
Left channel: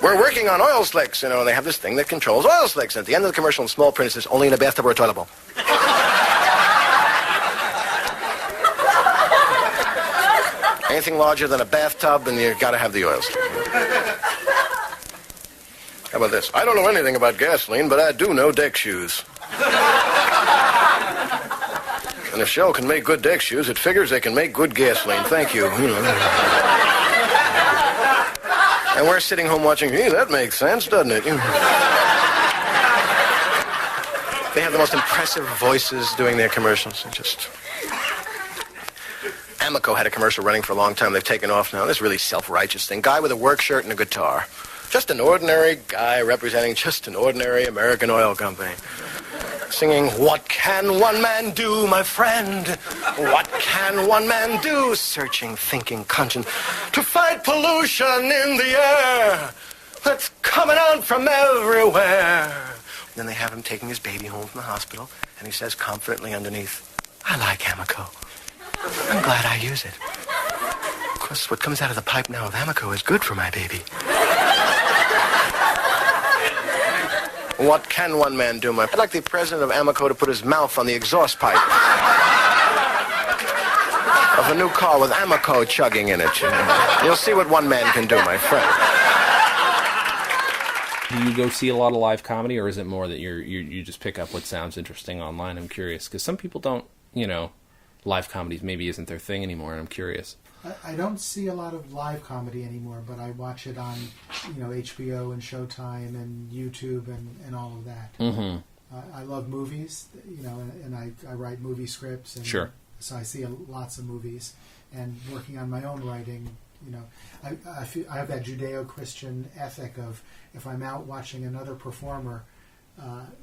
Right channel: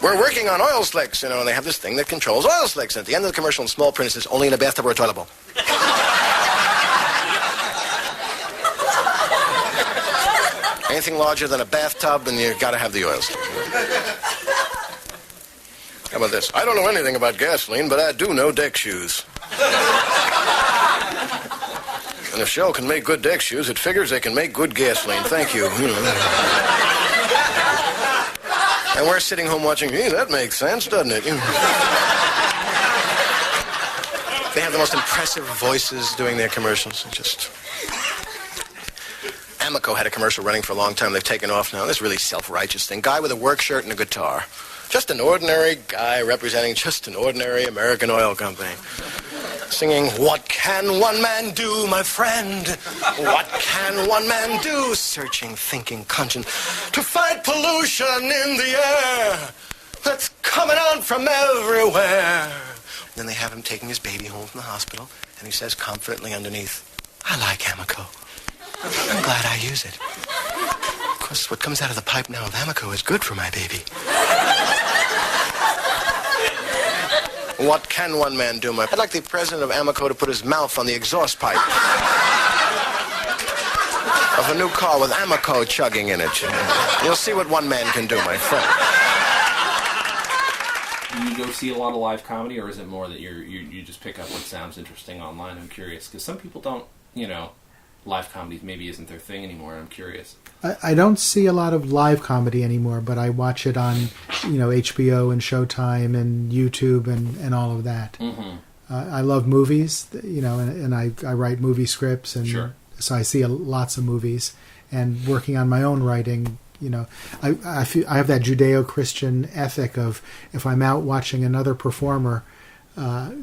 We're working on oil slicks, and they have this thing that controls oil slicks. And at the end of the commercial in small print, it says, only in a bathtub or a toilet bowl. Anything larger than a bathtub, and you've got to have the oil slick. How about this? I don't know anything about gasoline, but I do know deck shoes. And if Shell can make good deck shoes, it figures they can make good gasoline. Thank you. And we're sitting home watching, gee, that makes sense, doesn't it? They have the most impressive voices doing their commercials. Amoco had a commercial running for a long time. They've taken off now. This really self-righteous thing. Guy with a work shirt and a guitar. Just an ordinary guy representing just an ordinary American oil company. Singing, what can one man do, my friend? What can one man do? Searching, thinking, conscience, to fight pollution in the air that's coming out from everywhere. And then they have him taking his baby home from the hospital, and he says confidently underneath, I like Amoco. I'm glad I use it. Of course, what comes out of the pipe now of Amoco is good for my baby. What can one man do, I'd like the president of Amoco to put his mouth on the exhaust pipe of a new car with Amoco chugging in it. You'll see what one man can do, my friend. Do you go see a lot of live comedy, or is it more that you just pick up what sounds interesting online? I'm curious, because some people don't, live comedy maybe isn't their thing anymore, and I'm curious. I don't see a lot of live comedy anymore, but I watch it on, HBO and Showtime and YouTube and all of that. Mm-hmm. I love movies, and I write movie scripts, and sure. So I see lots of movies. and working on my own writing. I have that Judeo-Christian ethic of if I'm out watching another performer,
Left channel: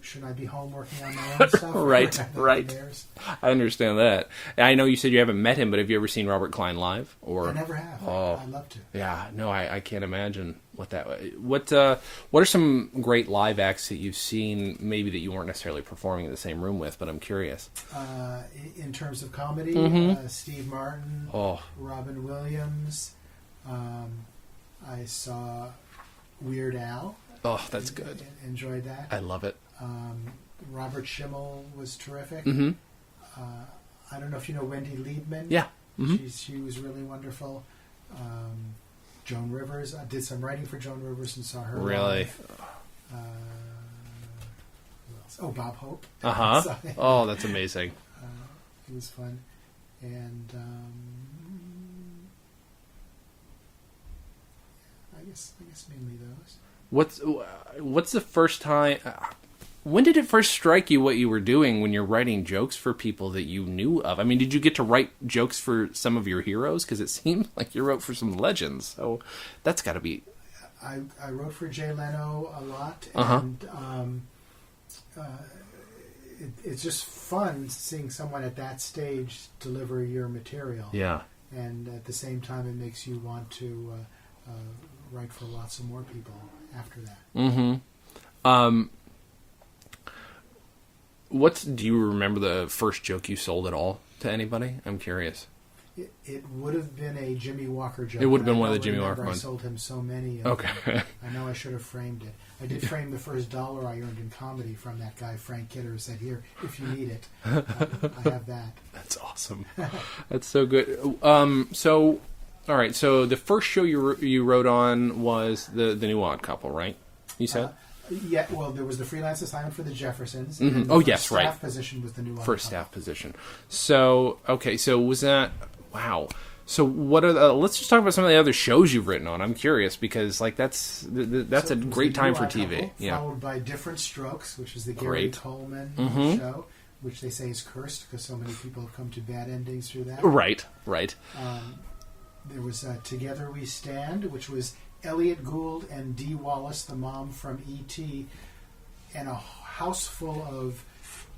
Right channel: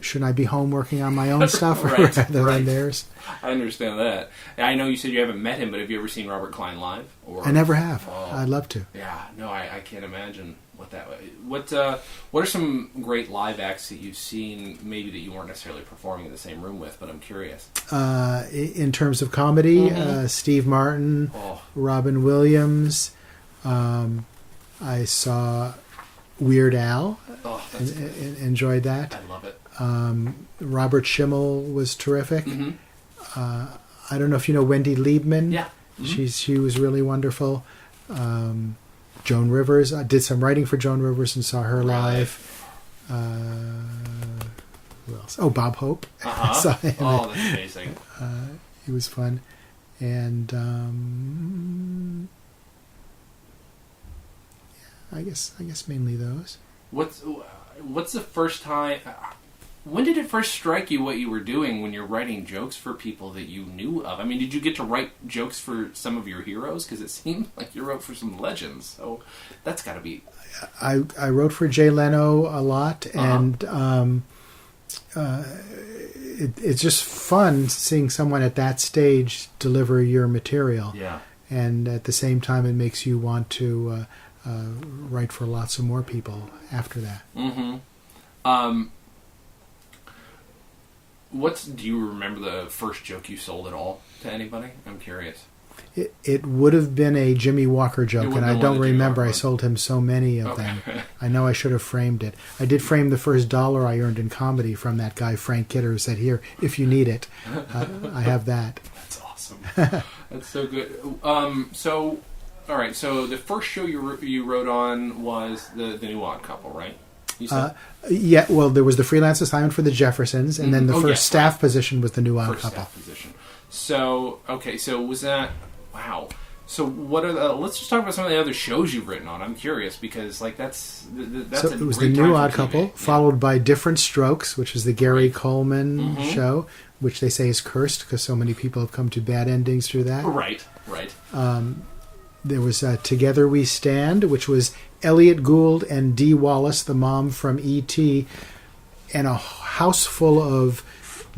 shouldn't I be home working on my own stuff right, rather right. than theirs? I understand that. I know you said you haven't met him, but have you ever seen Robert Klein live? Or I never have. Oh. I'd love to. Yeah, no, I can't imagine what that. What are some great live acts that you've seen? Maybe that you weren't necessarily performing in the same room with, but I'm curious. In terms of comedy, Steve Martin, Robin Williams. I saw Weird Al. Oh, that's good. Enjoyed that. I love it. Robert Schimmel was terrific. Mm-hmm. I don't know if you know Wendy Liebman. Yeah. Mm-hmm. She was really wonderful. Joan Rivers. I did some writing for Joan Rivers and saw her live. Who else? Oh, Bob Hope. Oh, that's amazing. He was fun. And I guess mainly those. What's the first time? When did it first strike you what you were doing when you're writing jokes for people that you knew of? I mean, did you get to write jokes for some of your heroes? Because it seemed like you wrote for some legends. So that's got to be. I wrote for Jay Leno a lot, and it's just fun seeing someone at that stage deliver your material. Yeah. And at the same time, it makes you want to write for lots of more people after that. Mm-hmm. Do you remember the first joke you sold at all to anybody? I'm curious. It would have been a Jimmy Walker joke, and I don't remember. I ones. sold him so many of them. I know I should have framed it. I did frame the first $1 I earned in comedy from that guy, Frank Kidder, who said, "Here, if you need it." I have that. That's awesome. That's so good. All right, so the first show you wrote on was the New Odd Couple, right? You said? Yeah, well, there was the freelance assignment for the Jeffersons, and then the first staff position was the New Odd Couple. First staff position. So, okay, so was that... Wow. So what are let's just talk about some of the other shows you've written on. I'm curious, because that's a great time for TV. It was the New Odd Couple, followed by Different Strokes, which was the Gary Coleman show, which they say is cursed because so many people have come to bad endings through that. Right. There was Together We Stand, which was Elliot Gould and Dee Wallace, the mom from E.T., and a house full of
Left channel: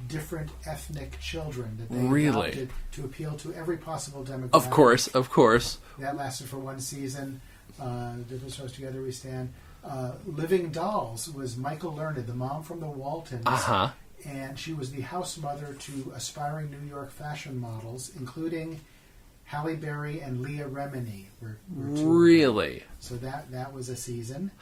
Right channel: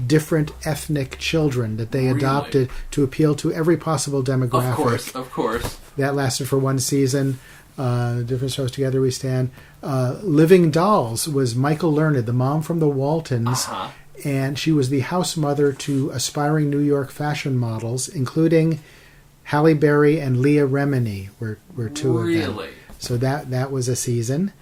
different ethnic children that they adopted to appeal to every possible demographic. Of course. That lasted for one season. Different Shows, Together We Stand. Living Dolls was Michael Learned, the mom from the Waltons. And she was the house mother to aspiring New York fashion models, including Halle Berry and Leah Remini were two of them. Really? So that was a season.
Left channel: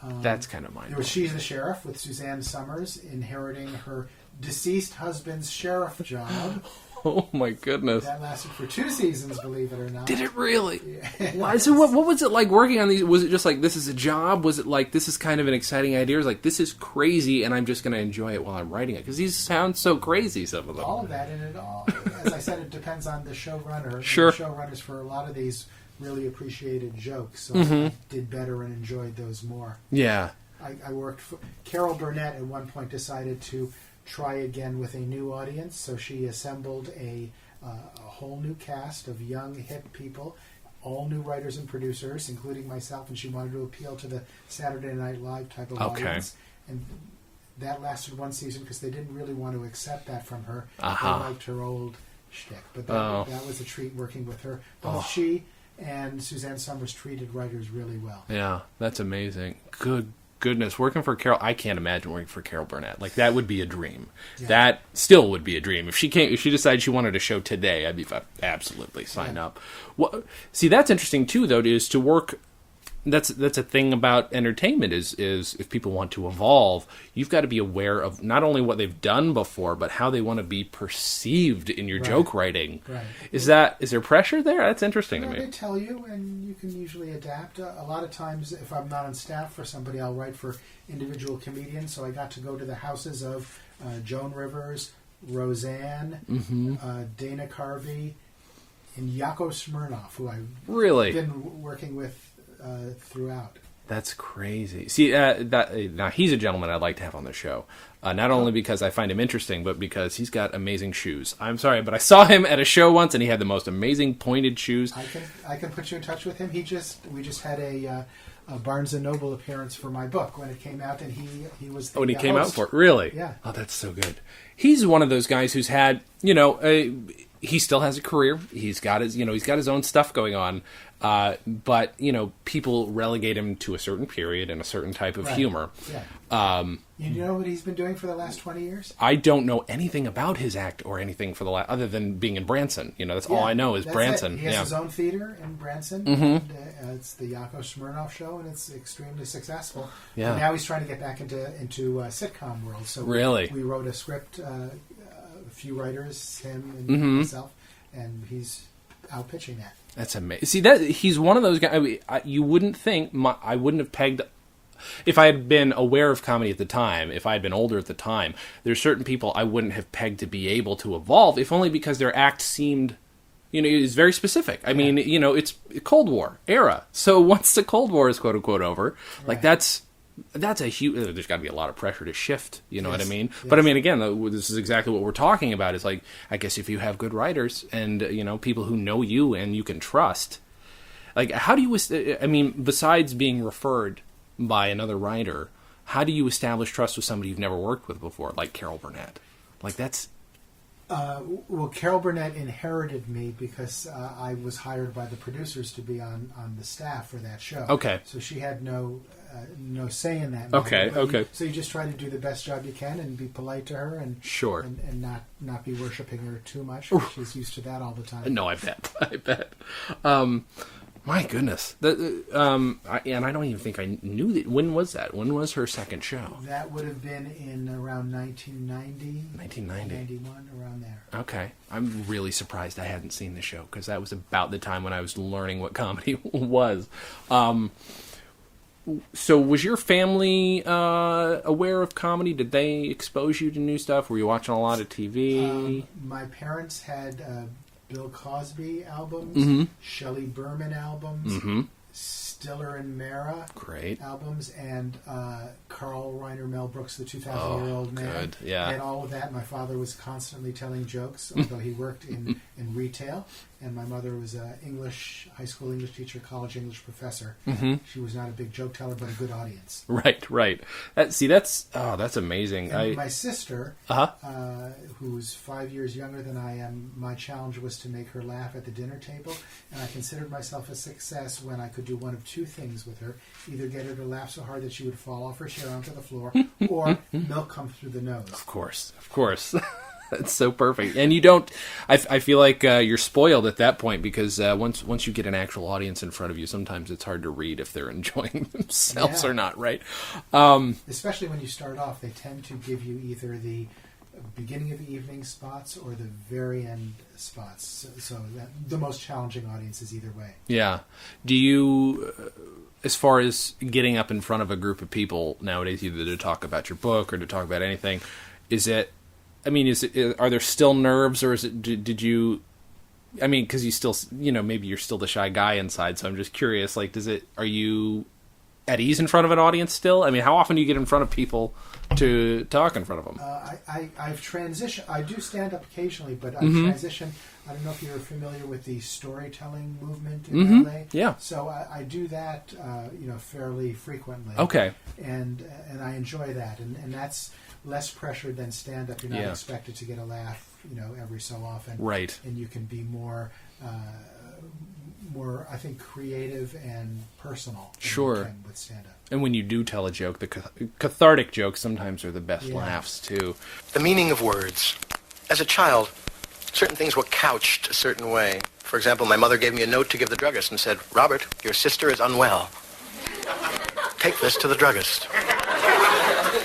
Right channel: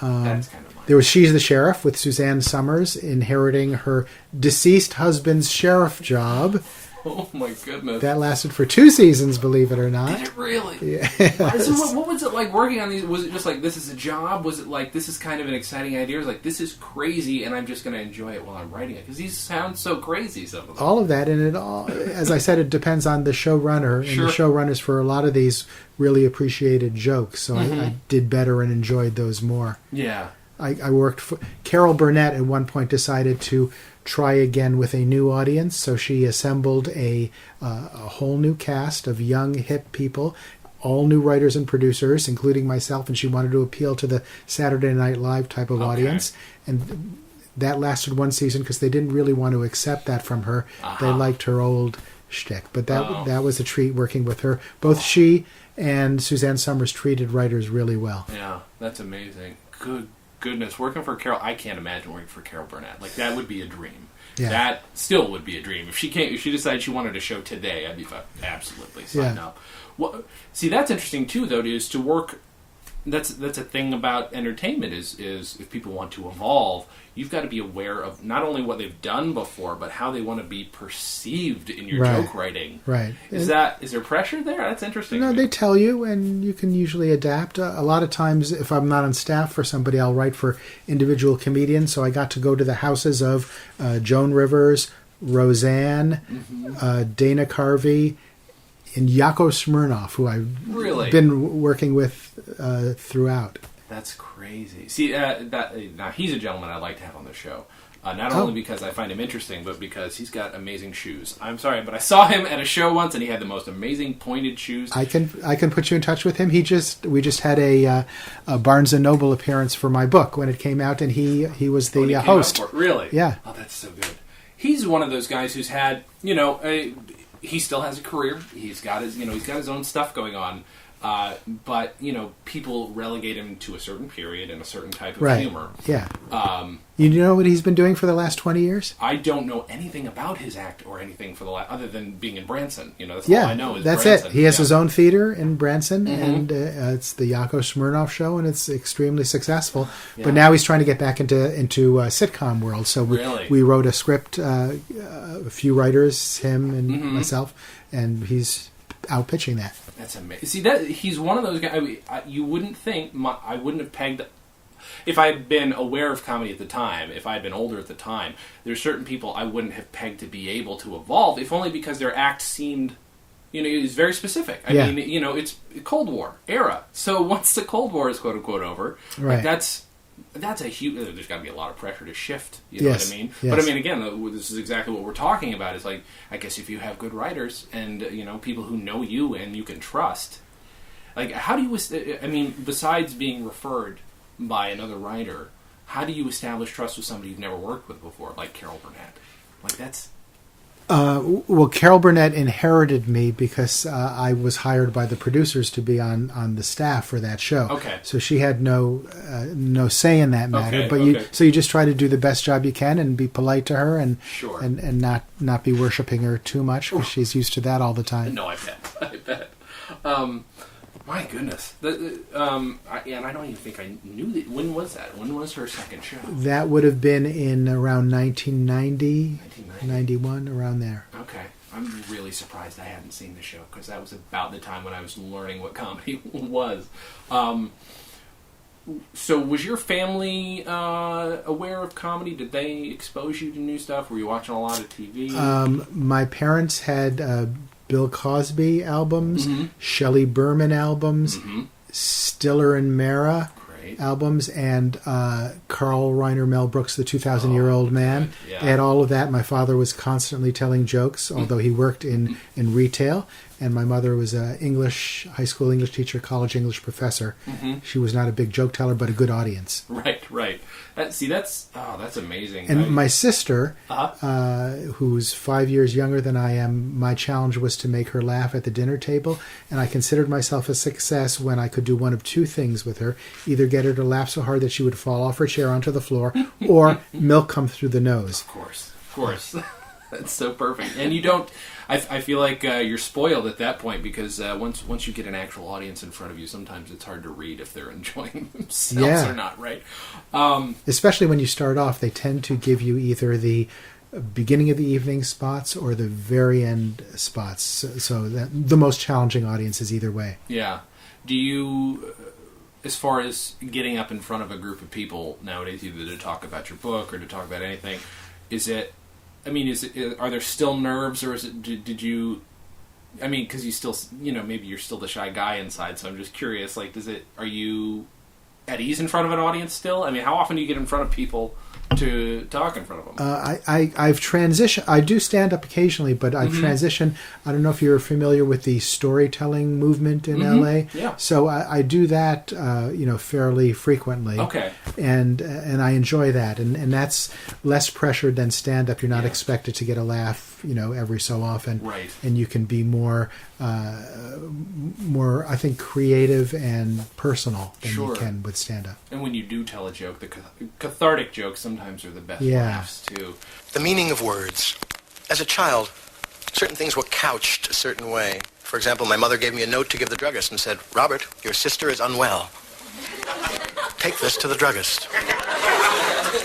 That's kind of There was She's the Sheriff with Suzanne Summers inheriting her deceased husband's sheriff job. Oh my goodness. That lasted for 2 seasons, believe it or not. Did it really? Yeah. So what was it like working on these? Was it just like, this is a job? Was it like, this is kind of an exciting idea? Or was it like, this is crazy and I'm just going to enjoy it while I'm writing it? Because these sound so crazy, some of them. All of that, and it all, as I said, it depends on the showrunner. Sure. And the showrunners for a lot of these really appreciated jokes, so I did better and enjoyed those more. Yeah. I worked for... Carol Burnett at one point decided to try again with a new audience, so she assembled a whole new cast of young, hip people, all new writers and producers, including myself, and she wanted to appeal to the Saturday Night Live type of audience. And that lasted one season because they didn't really want to accept that from her. They liked her old shtick. But that was a treat working with her. Both she and Suzanne Summers treated writers really well. Yeah, that's amazing. Good goodness, working for Carol, I can't imagine working for Carol Burnett. Like, that would be a dream. Yeah. That still would be a dream. If she decided she wanted a show today, I'd be absolutely sign up. Well, see, that's interesting too, though, is to work. That's a thing about entertainment is if people want to evolve, you've got to be aware of not only what they've done before, but how they want to be perceived in your joke writing. Right. Is there pressure there? That's interesting. No, they tell you, and you can usually adapt. A lot of times, if I'm not on staff for somebody, I'll write for individual comedians. So I got to go to the houses of Joan Rivers, Roseanne, Dana Carvey, and Yakov Smirnoff, who I've been working with throughout. That's crazy. See, now he's a gentleman I'd like to have on the show. Not only because I find him interesting, but because he's got amazing shoes. I'm sorry, but I saw him at a show once, and he had the most amazing pointed shoes. I can put you in touch with him. We just had a Barnes and Noble appearance for my book when it came out, and he was the host. Really? Yeah. Oh, that's so good. He's one of those guys who's had, he still has a career. He's got his own stuff going on. But, people relegate him to a certain period and a certain type of humor. Yeah. You know what he's been doing for the last 20 years? I don't know anything about his act or anything for other than being in Branson. That's all I know is that's Branson. It. He has his own theater in Branson, and it's the Yakov Smirnoff Show, and it's extremely successful. Yeah. But now he's trying to get back into sitcom world. So we wrote a script, a few writers, him and myself, and he's out pitching that. That's amazing. See, he's one of those guys. You wouldn't think I wouldn't have pegged. If I had been aware of comedy at the time, if I had been older at the time, there's certain people I wouldn't have pegged to be able to evolve, if only because their act seemed, is very specific. I mean, it's Cold War era. So once the Cold War is quote unquote over, like that's a huge. There's got to be a lot of pressure to shift. You know what I mean? Yes. But I mean, again, this is exactly what we're talking about. Is like, I guess if you have good writers and people who know you and you can trust, like, how do you? I mean, besides being referred by another writer, how do you establish trust with somebody you've never worked with before, like Carol Burnett? Like that's. Well, Carol Burnett inherited me because I was hired by the producers to be on the staff for that show. Okay. So she had no say in that matter. Okay. So you just try to do the best job you can and be polite to her and sure. and not be worshiping her too much because she's used to that all the time. No, I bet. My goodness. And I don't even think I knew that. When was that? When was her second show? That would have been in around 1990, 91, around there. Okay. I'm really surprised I hadn't seen the show because that was about the time when I was learning what comedy was. So was your family aware of comedy? Did they expose you to new stuff? Were you watching a lot of TV? My parents had... Bill Cosby albums, Shelley Berman albums, Stiller and Mara albums, and Carl Reiner Mel Brooks, The 2,000-Year-Old Man. Yeah. I had all of that. My father was constantly telling jokes, although he worked in retail. And my mother was a high school English teacher, college English professor. She was not a big joke teller, but a good audience. Right. That's amazing. And my sister, who's 5 years younger than I am, my challenge was to make her laugh at the dinner table. And I considered myself a success when I could do one of two things with her. Either get her to laugh so hard that she would fall off her chair onto the floor, or milk come through the nose. Of course. That's so perfect. And you don't... I feel like you're spoiled at that point because once you get an actual audience in front of you, sometimes it's hard to read if they're enjoying themselves or not, right? Especially when you start off, they tend to give you either the beginning of the evening spots or the very end spots. So that the most challenging audience is either way. Yeah. Do you... As far as getting up in front of a group of people nowadays, either to talk about your book or to talk about anything, are there still nerves, or is it? Did you? I mean, because you still, maybe you're still the shy guy inside. So I'm just curious. Like, are you at ease in front of an audience still? I mean, how often do you get in front of people to talk in front of them? I've transitioned. I do stand up occasionally, but I've transitioned. I don't know if you're familiar with the storytelling movement in LA. Yeah. So I do that, fairly frequently. Okay. And I enjoy that, and that's less pressured than stand up. You're not expected to get a laugh, every so often. Right. And you can be more, I think, creative and personal than you can with stand up. And when you do tell a joke, the cathartic jokes sometimes are the best laughs too. The meaning of words. As a child, certain things were couched a certain way. For example, my mother gave me a note to give the druggist and said, "Robert, your sister is unwell. Take this to the druggist."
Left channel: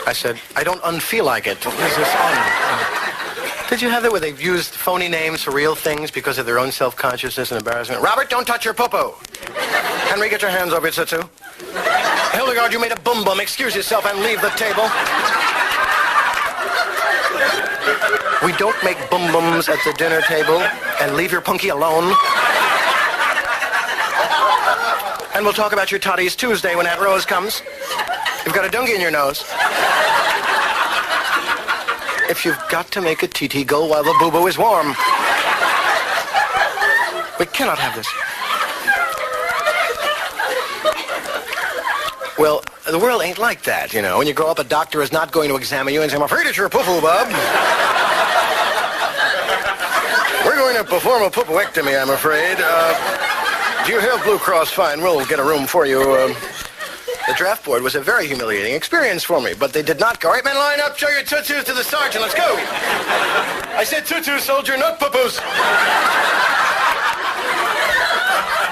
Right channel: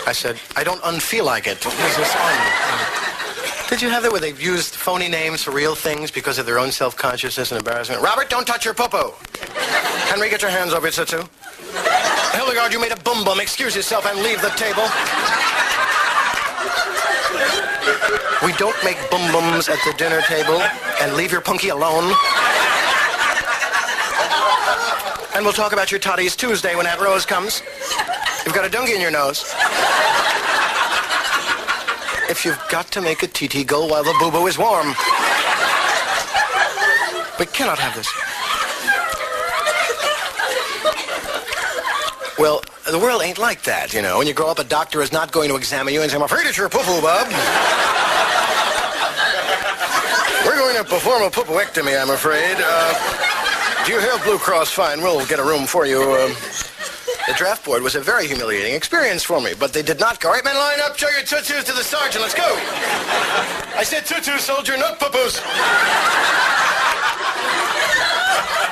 I said, "I don't unfeel like it. What is this on?" Did you have that where they've used phony names for real things because of their own self-consciousness and embarrassment? Robert, don't touch your poo-poo. Henry, get your hands over your tsutsu. Hildegard, you made a boom-boom. Excuse yourself and leave the table. We don't make boom-booms at the dinner table, and leave your punky alone. And we'll talk about your toddies Tuesday when Aunt Rose comes. You've got a dungy in your nose. if you've got to make a TT go while the boo-boo is warm. We cannot have this. Well, the world ain't like that, you know. When you grow up, a doctor is not going to examine you and say, I'm afraid it's your poo-poo, bub. We're going to perform a poo-pooectomy, I'm afraid. Do you have Blue Cross? Fine, we'll get a room for you. The draft board was a very humiliating experience for me, but they did not go, all right, men, line up, show your tutus to the sergeant, let's go. I said tutus, soldier, not poo-poos.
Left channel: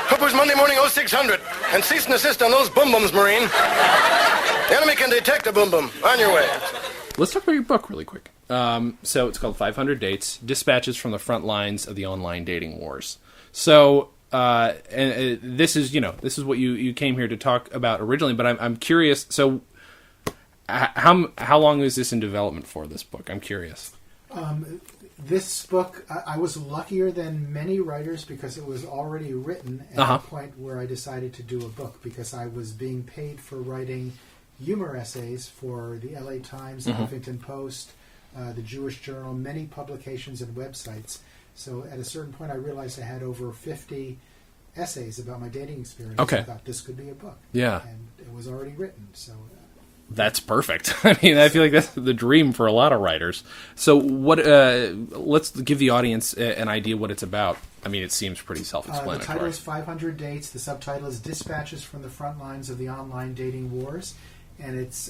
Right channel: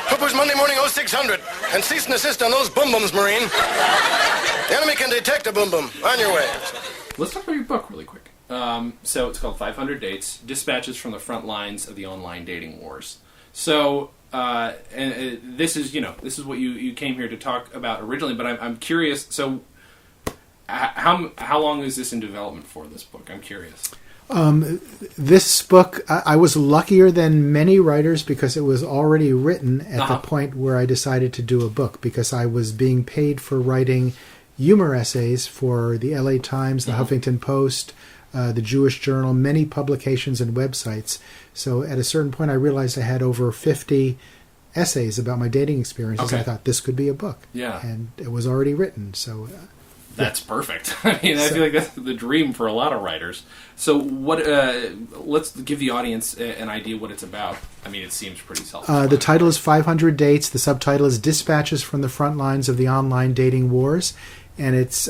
Poo-poos Monday morning 0600, and cease and assist on those boom-booms, Marine. The enemy can detect a boom-boom. On your way. Let's talk about your book really quick. So it's called 500 Dates, Dispatches from the Front Lines of the Online Dating Wars. So, this is what you came here to talk about originally, but I'm curious, so how long is this in development for, this book? I'm curious. This book, I was luckier than many writers because it was already written at the point where I decided to do a book, because I was being paid for writing humor essays for the LA Times, the Huffington Post, the Jewish Journal, many publications and websites. So at a certain point, I realized I had over 50 essays about my dating experiences. Okay. I thought this could be a book. Yeah. And it was already written. So that's perfect. I mean, I feel like that's the dream for a lot of writers. So what? Let's give the audience an idea what it's about. I mean, it seems pretty self-explanatory. The title is 500 Dates. The subtitle is Dispatches from the Front Lines of the Online Dating Wars. And it's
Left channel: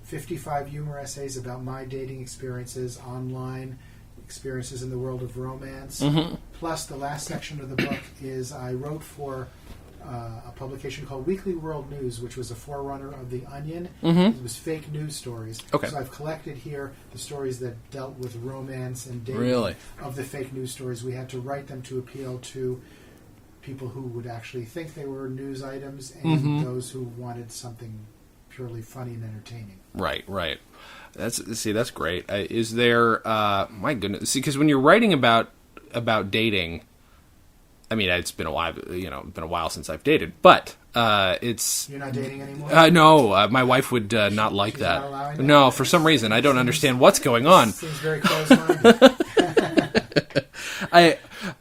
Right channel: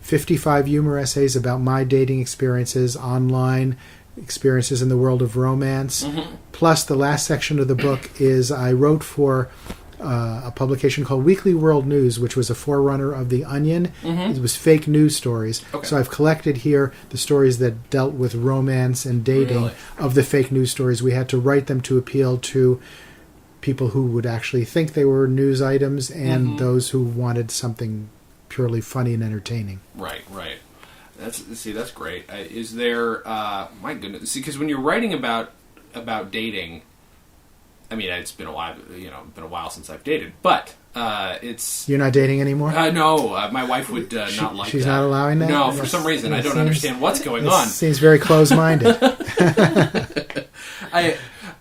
55 humor essays about my dating experiences online, experiences in the world of romance. Plus, the last section of the book is I wrote for a publication called Weekly World News, which was a forerunner of The Onion. It was fake news stories. Okay. So I've collected here the stories that dealt with romance and dating of the fake news stories. We had to write them to appeal to people who would actually think they were news items and those who wanted something purely funny and entertaining. Right. That's great. Is there? My goodness. See, because when you're writing about dating, I mean, it's been a while. Been a while since I've dated, but it's. You're not dating anymore? No, my wife would not like she's that. She's not allowing that. No, for some reason I don't understand what's going on. Seems very close-minded.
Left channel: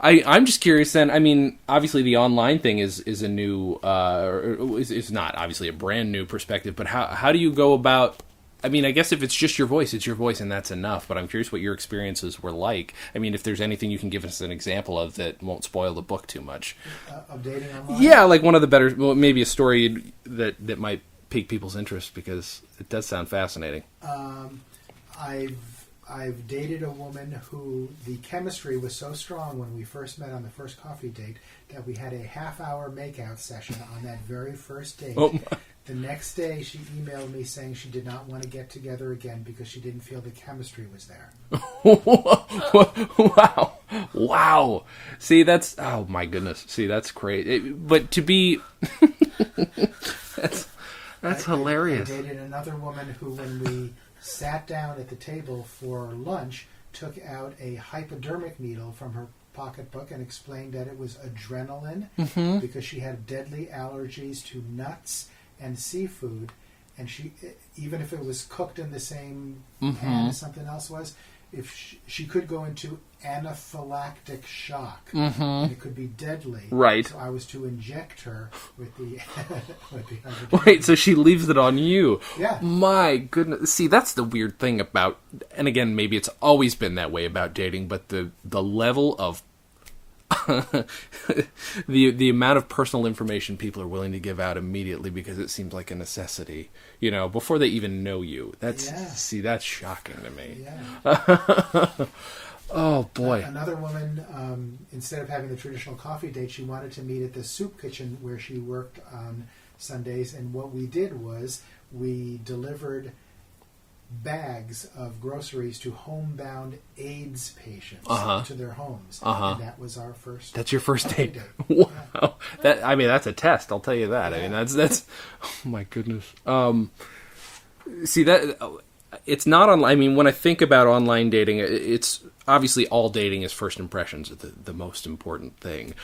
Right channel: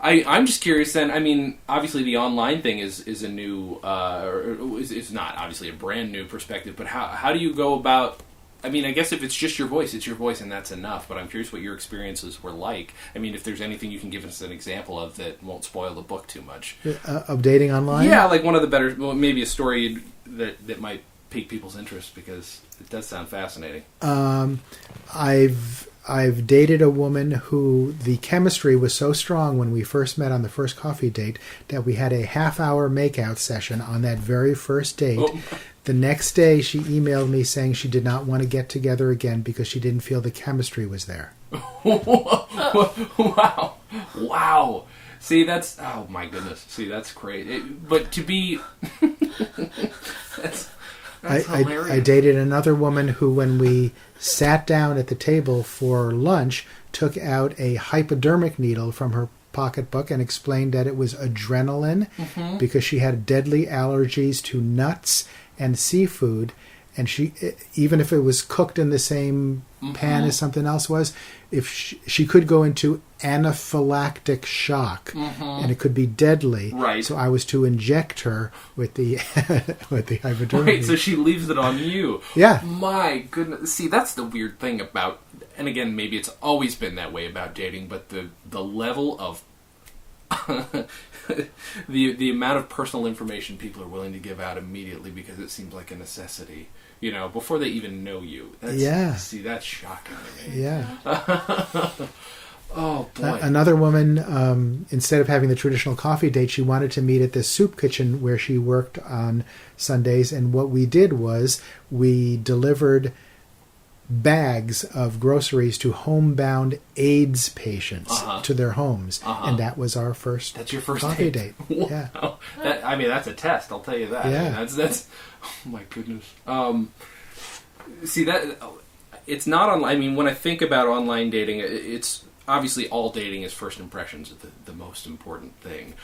I'm just curious. Then, I mean, obviously the online thing is a new, is not obviously a brand new perspective. But how do you go about? I mean, I guess if it's just your voice, it's your voice, and that's enough. But I'm curious what your experiences were like. I mean, if there's anything you can give us an example of that won't spoil the book too much. Of dating online? Yeah, like one of the better, well, maybe a story that might pique people's interest, because it does sound fascinating. I've dated a woman who the chemistry was so strong when we first met on the first coffee date that we had a half-hour makeout session on that very first date. Oh. The next day, she emailed me saying she did not want to get together again because she didn't feel the chemistry was there. Wow. See, that's... Oh, my goodness. See, that's great. But to be... that's hilarious. I dated another woman who, when we sat down at the table for lunch, took out a hypodermic needle from her pocketbook and explained that it was adrenaline because she had deadly allergies to nuts and seafood, and she, even if it was cooked in the same pan as something else was, if she could go into anaphylactic shock, and it could be deadly. Right. So I was to inject her with the hypodermic. Right. So she leaves it on you. Yeah. My goodness. See, that's the weird thing about, and again, maybe it's always been that way about dating, but the level of the amount of personal information people are willing to give out immediately because it seems like a necessity, before they even know you. See, that's shocking to me. Yeah. Oh, boy. Another woman, instead of having the traditional coffee date, she wanted to meet at the soup kitchen where she worked on Sundays. And what we did was we delivered bags of groceries to homebound AIDS patients to their homes. And that was our first That's your first coffee date. Wow. Yeah. That's a test, I'll tell you that. Yeah. I mean, that's oh my goodness. See, that it's not online. I mean, when I think about online dating, it's obviously all dating is first impressions are the most important thing.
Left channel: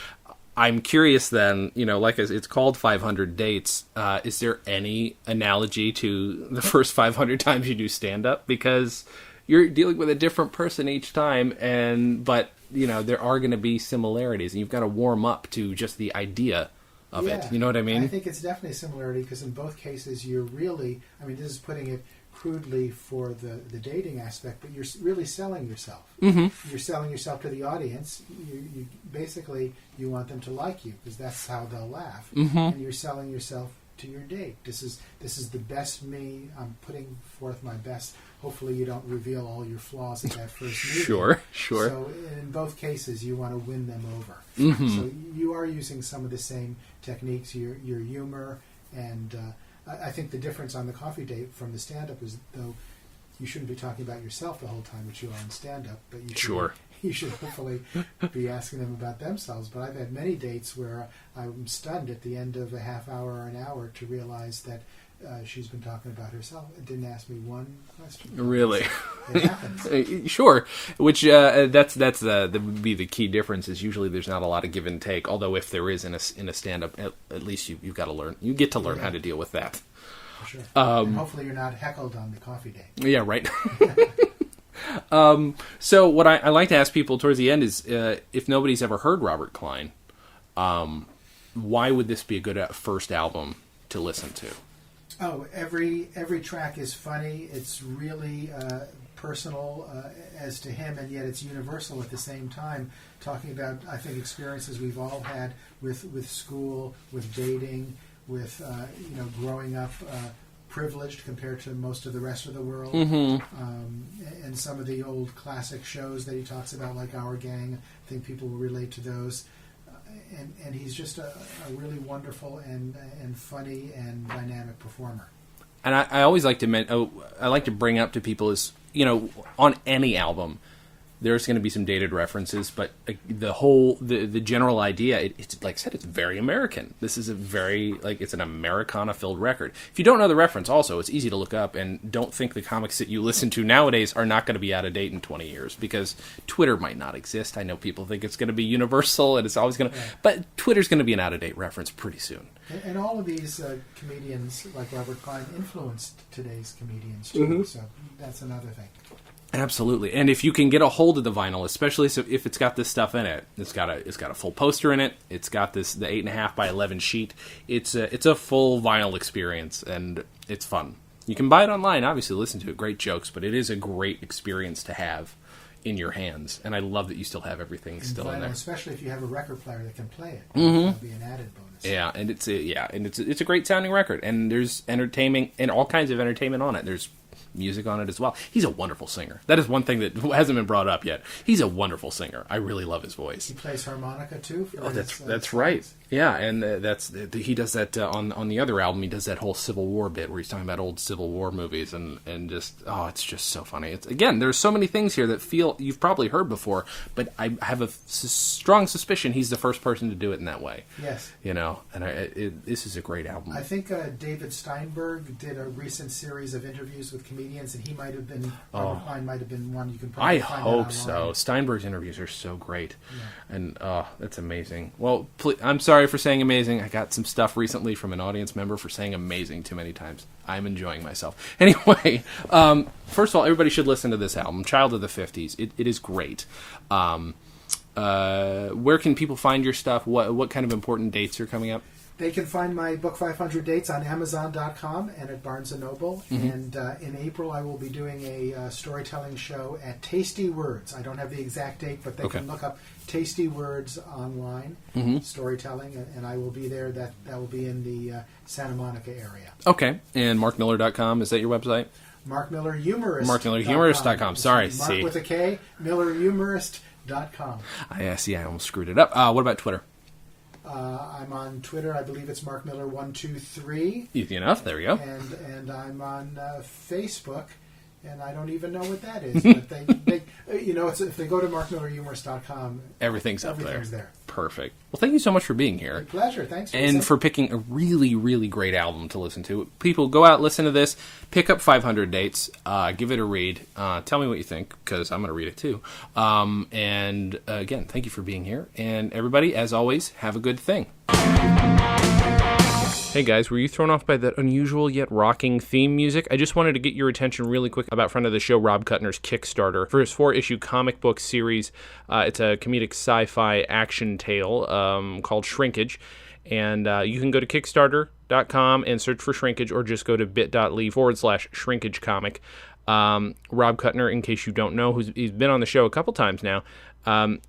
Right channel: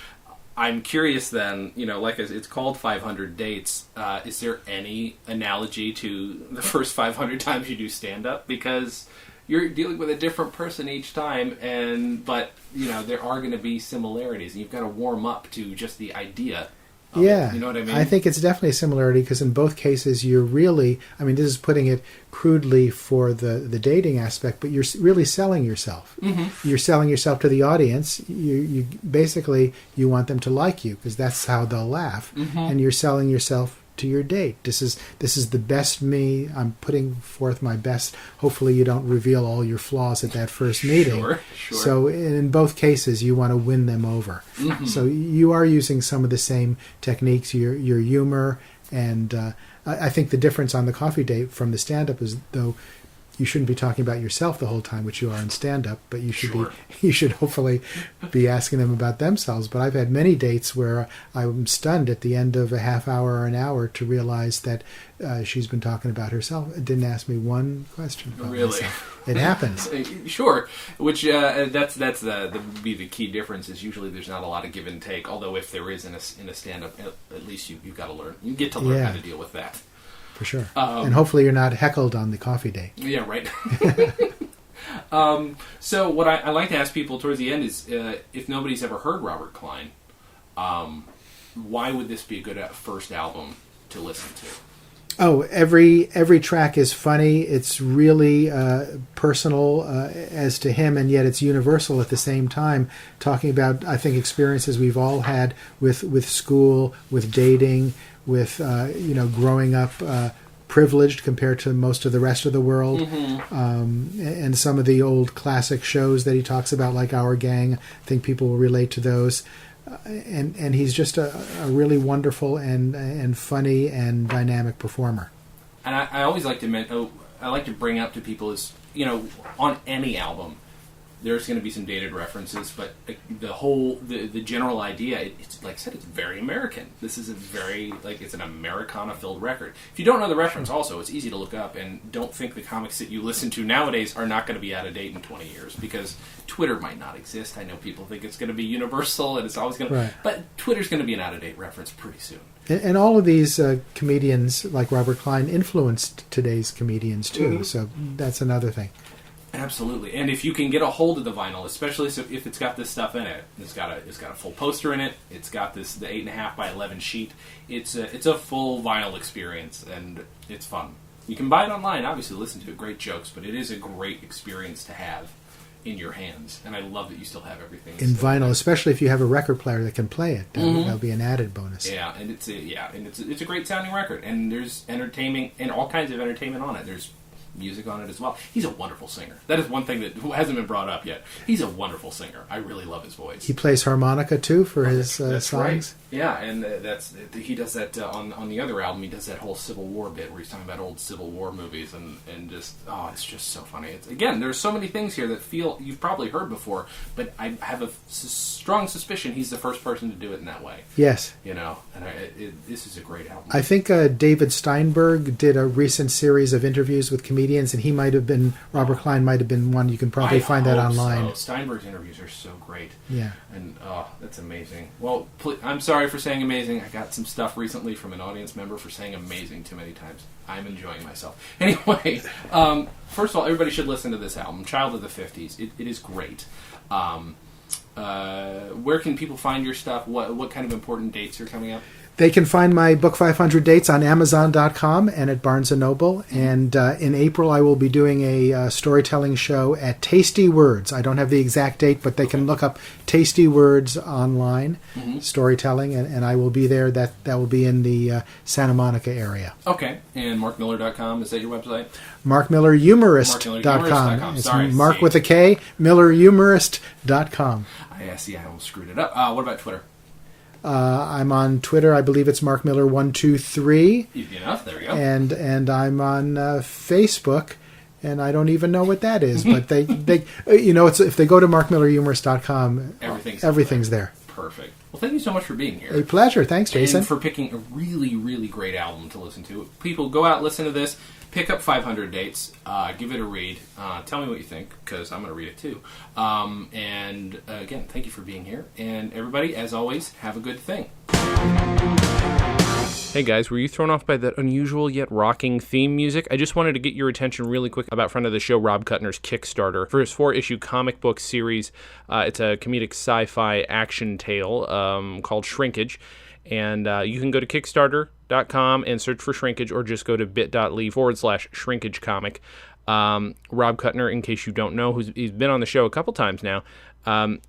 I'm curious then, like it's called 500 Dates. Is there any analogy to the first 500 times you do stand-up? Because, you're dealing with a different person each time, but there are going to be similarities, and you've got to warm up to just the idea of it. You know what I mean? I think it's definitely a similarity because in both cases you're really, this is putting it crudely for the dating aspect, but you're really selling yourself. Mm-hmm. You're selling yourself to the audience. You basically, you want them to like you because that's how they'll laugh. Mm-hmm. And you're selling yourself to your date. This is the best me. I'm putting forth my best. Hopefully you don't reveal all your flaws at that first meeting. Sure. So in both cases you want to win them over. Mm-hmm. So you are using some of the same techniques, your humor, and I think the difference on the coffee date from the stand-up is, though, you shouldn't be talking about yourself the whole time, which you are in stand-up, but you should hopefully be asking them about themselves. But I've had many dates where I'm stunned at the end of a half hour or an hour to realize that she's been talking about herself. It didn't ask me one question. Really? It happens. Sure. Which that's would be the key difference. Is usually there's not a lot of give and take. Although if there is in a stand-up, at least you've got to learn. You get to learn how to deal with that. For sure. And hopefully you're not heckled on the coffee date. Yeah, right. So what I like to ask people towards the end is, if nobody's ever heard Robert Klein, why would this be a good first album to listen to? Oh, every track is funny. It's really personal as to him, and yet it's universal at the same time. Talking about, I think, experiences we've all had with school, with dating, with growing up privileged compared to most of the rest of the world, and some of the old classic shows that he talks about, like Our Gang. I think people will relate to those. And he's just a really wonderful and funny and dynamic performer. And I always like to bring up to people is, on any album, there's going to be some dated references, but the general idea, it's like I said, it's very American. This is it's an Americana-filled record. If you don't know the reference, also, it's easy to look up, and don't think the comics that you listen to nowadays are not going to be out of date in 20 years, because Twitter might not exist. I know people think it's going to be universal, and it's always going to... Right. But Twitter's going to be an out-of-date reference pretty soon. And all of these comedians, like Robert Klein, influenced today's comedians, too, so that's another thing. Absolutely, and if you can get a hold of the vinyl, especially if it's got this stuff in it, it's got a full poster in it. It's got the 8.5 by 11 sheet. It's a full vinyl experience, and it's fun. You can buy it online, obviously, listen to it. Great jokes, but it is a great experience to have in your hands. And I love that you still have everything in vinyl, especially if you have a record player that can play it. That'll be an added bonus. Yeah, and it's a great sounding record, and there's entertainment and all kinds of entertainment on it. There's music on it as well. He's a wonderful singer. That is one thing that hasn't been brought up yet. He's a wonderful singer. I really love his voice. He plays harmonica too for his that's songs. Right. Yeah, and he does that on the other album. He does that whole Civil War bit where he's talking about old Civil War movies and just it's just so funny. It's, again, there's so many things here that feel you've probably heard before, but I have a strong suspicion he's the first person to do it in that way. Yes, and this is a great album. I think David Steinberg did a recent series of interviews with comedians, and he might have been Robert Klein might have been one. You can probably find that online. So. Steinberg's interviews are so great. Yeah, and that's amazing. Well, I'm sorry for saying amazing. I got some stuff recently from an audience member for saying amazing too many times. I'm enjoying myself. Anyway, first of all, everybody should listen to this album, Child of the 50s. It is great. Where can people find your stuff? What kind of important dates are coming up? They can find my book 500 Dates on Amazon.com and at Barnes & Noble. Mm-hmm. And in April, I will be doing a storytelling show at Tasty Words. I don't have the exact date, but they can look up Tasty Words online, storytelling, and I will be there. That will be in the Santa Monica area. Okay. And markmiller.com, is that your website? markmillerhumorist.com. markmillerhumorist.com. Sorry. Mark with a K, millerhumorist.com. I almost screwed it up. What about Twitter? I'm on Twitter. I believe it's MarkMiller123. Easy enough. There we go. And I'm on Facebook, and I don't even know what that is. But they it's if they go to markmillerhumorist.com, everything's there. Perfect. Well, thank you so much for being here. A pleasure. Thanks, Jason. And for picking a really, really great album to listen to. People, go out, listen to this, pick up 500 Dates, give it a read. Tell me what you think, because I'm going to read it too. And again, thank you for being here. And everybody, as always, have a good thing. Hey guys, were you thrown off by that unusual yet rocking theme music? I just wanted to get your attention really quick about friend of the show Rob Kuttner's Kickstarter for his 4-issue comic book series. It's a comedic sci-fi action tale called Shrinkage, and you can go to Kickstarter.com and search for Shrinkage, or just go to bit.ly/shrinkagecomic. Rob Kuttner, in case you don't know, he's been on the show a couple times now.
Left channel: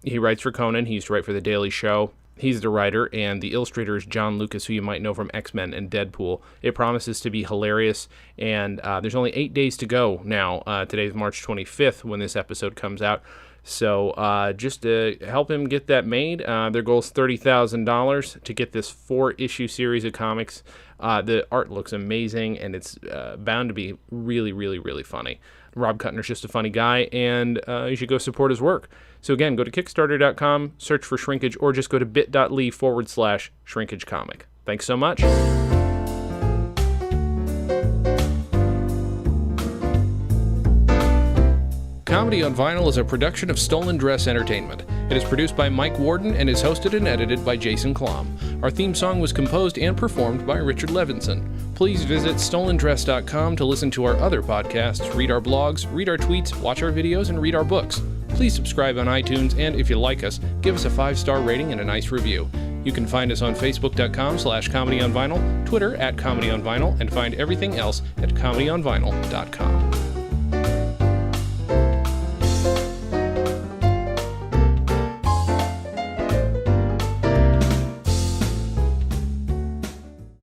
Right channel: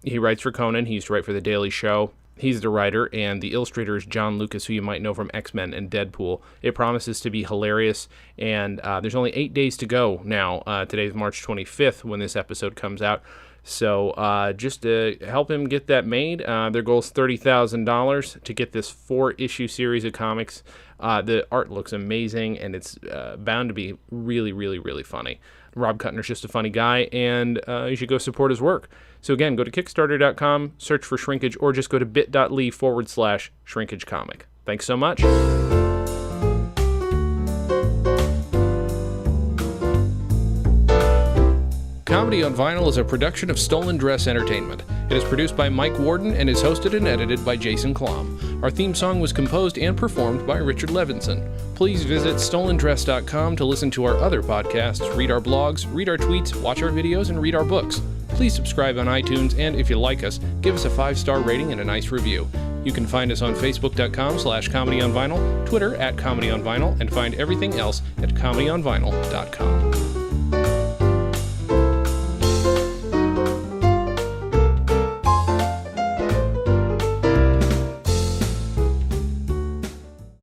He writes for Conan. He used to write for The Daily Show. He's the writer, and the illustrator is John Lucas, who you might know from X-Men and Deadpool. It promises to be hilarious, and there's only 8 days to go now. Today's March 25th when this episode comes out. So just to help him get that made, their goal is $30,000 to get this 4-issue series of comics. The art looks amazing, and it's bound to be really, really, really funny. Rob Kuttner's just a funny guy, and you should go support his work. So again, go to Kickstarter.com, search for Shrinkage, or just go to bit.ly/shrinkagecomic. Thanks so much. Comedy on Vinyl is a production of Stolen Dress Entertainment. It is produced by Mike Warden and is hosted and edited by Jason Klamm. Our theme song was composed and performed by Richard Levinson. Please visit stolendress.com to listen to our other podcasts, read our blogs, read our tweets, watch our videos, and read our books. Please subscribe on iTunes, and if you like us, give us a 5-star rating and a nice review. You can find us on Facebook.com/ComedyOnVinyl, Twitter @ComedyOnVinyl, and find everything else at ComedyOnVinyl.com.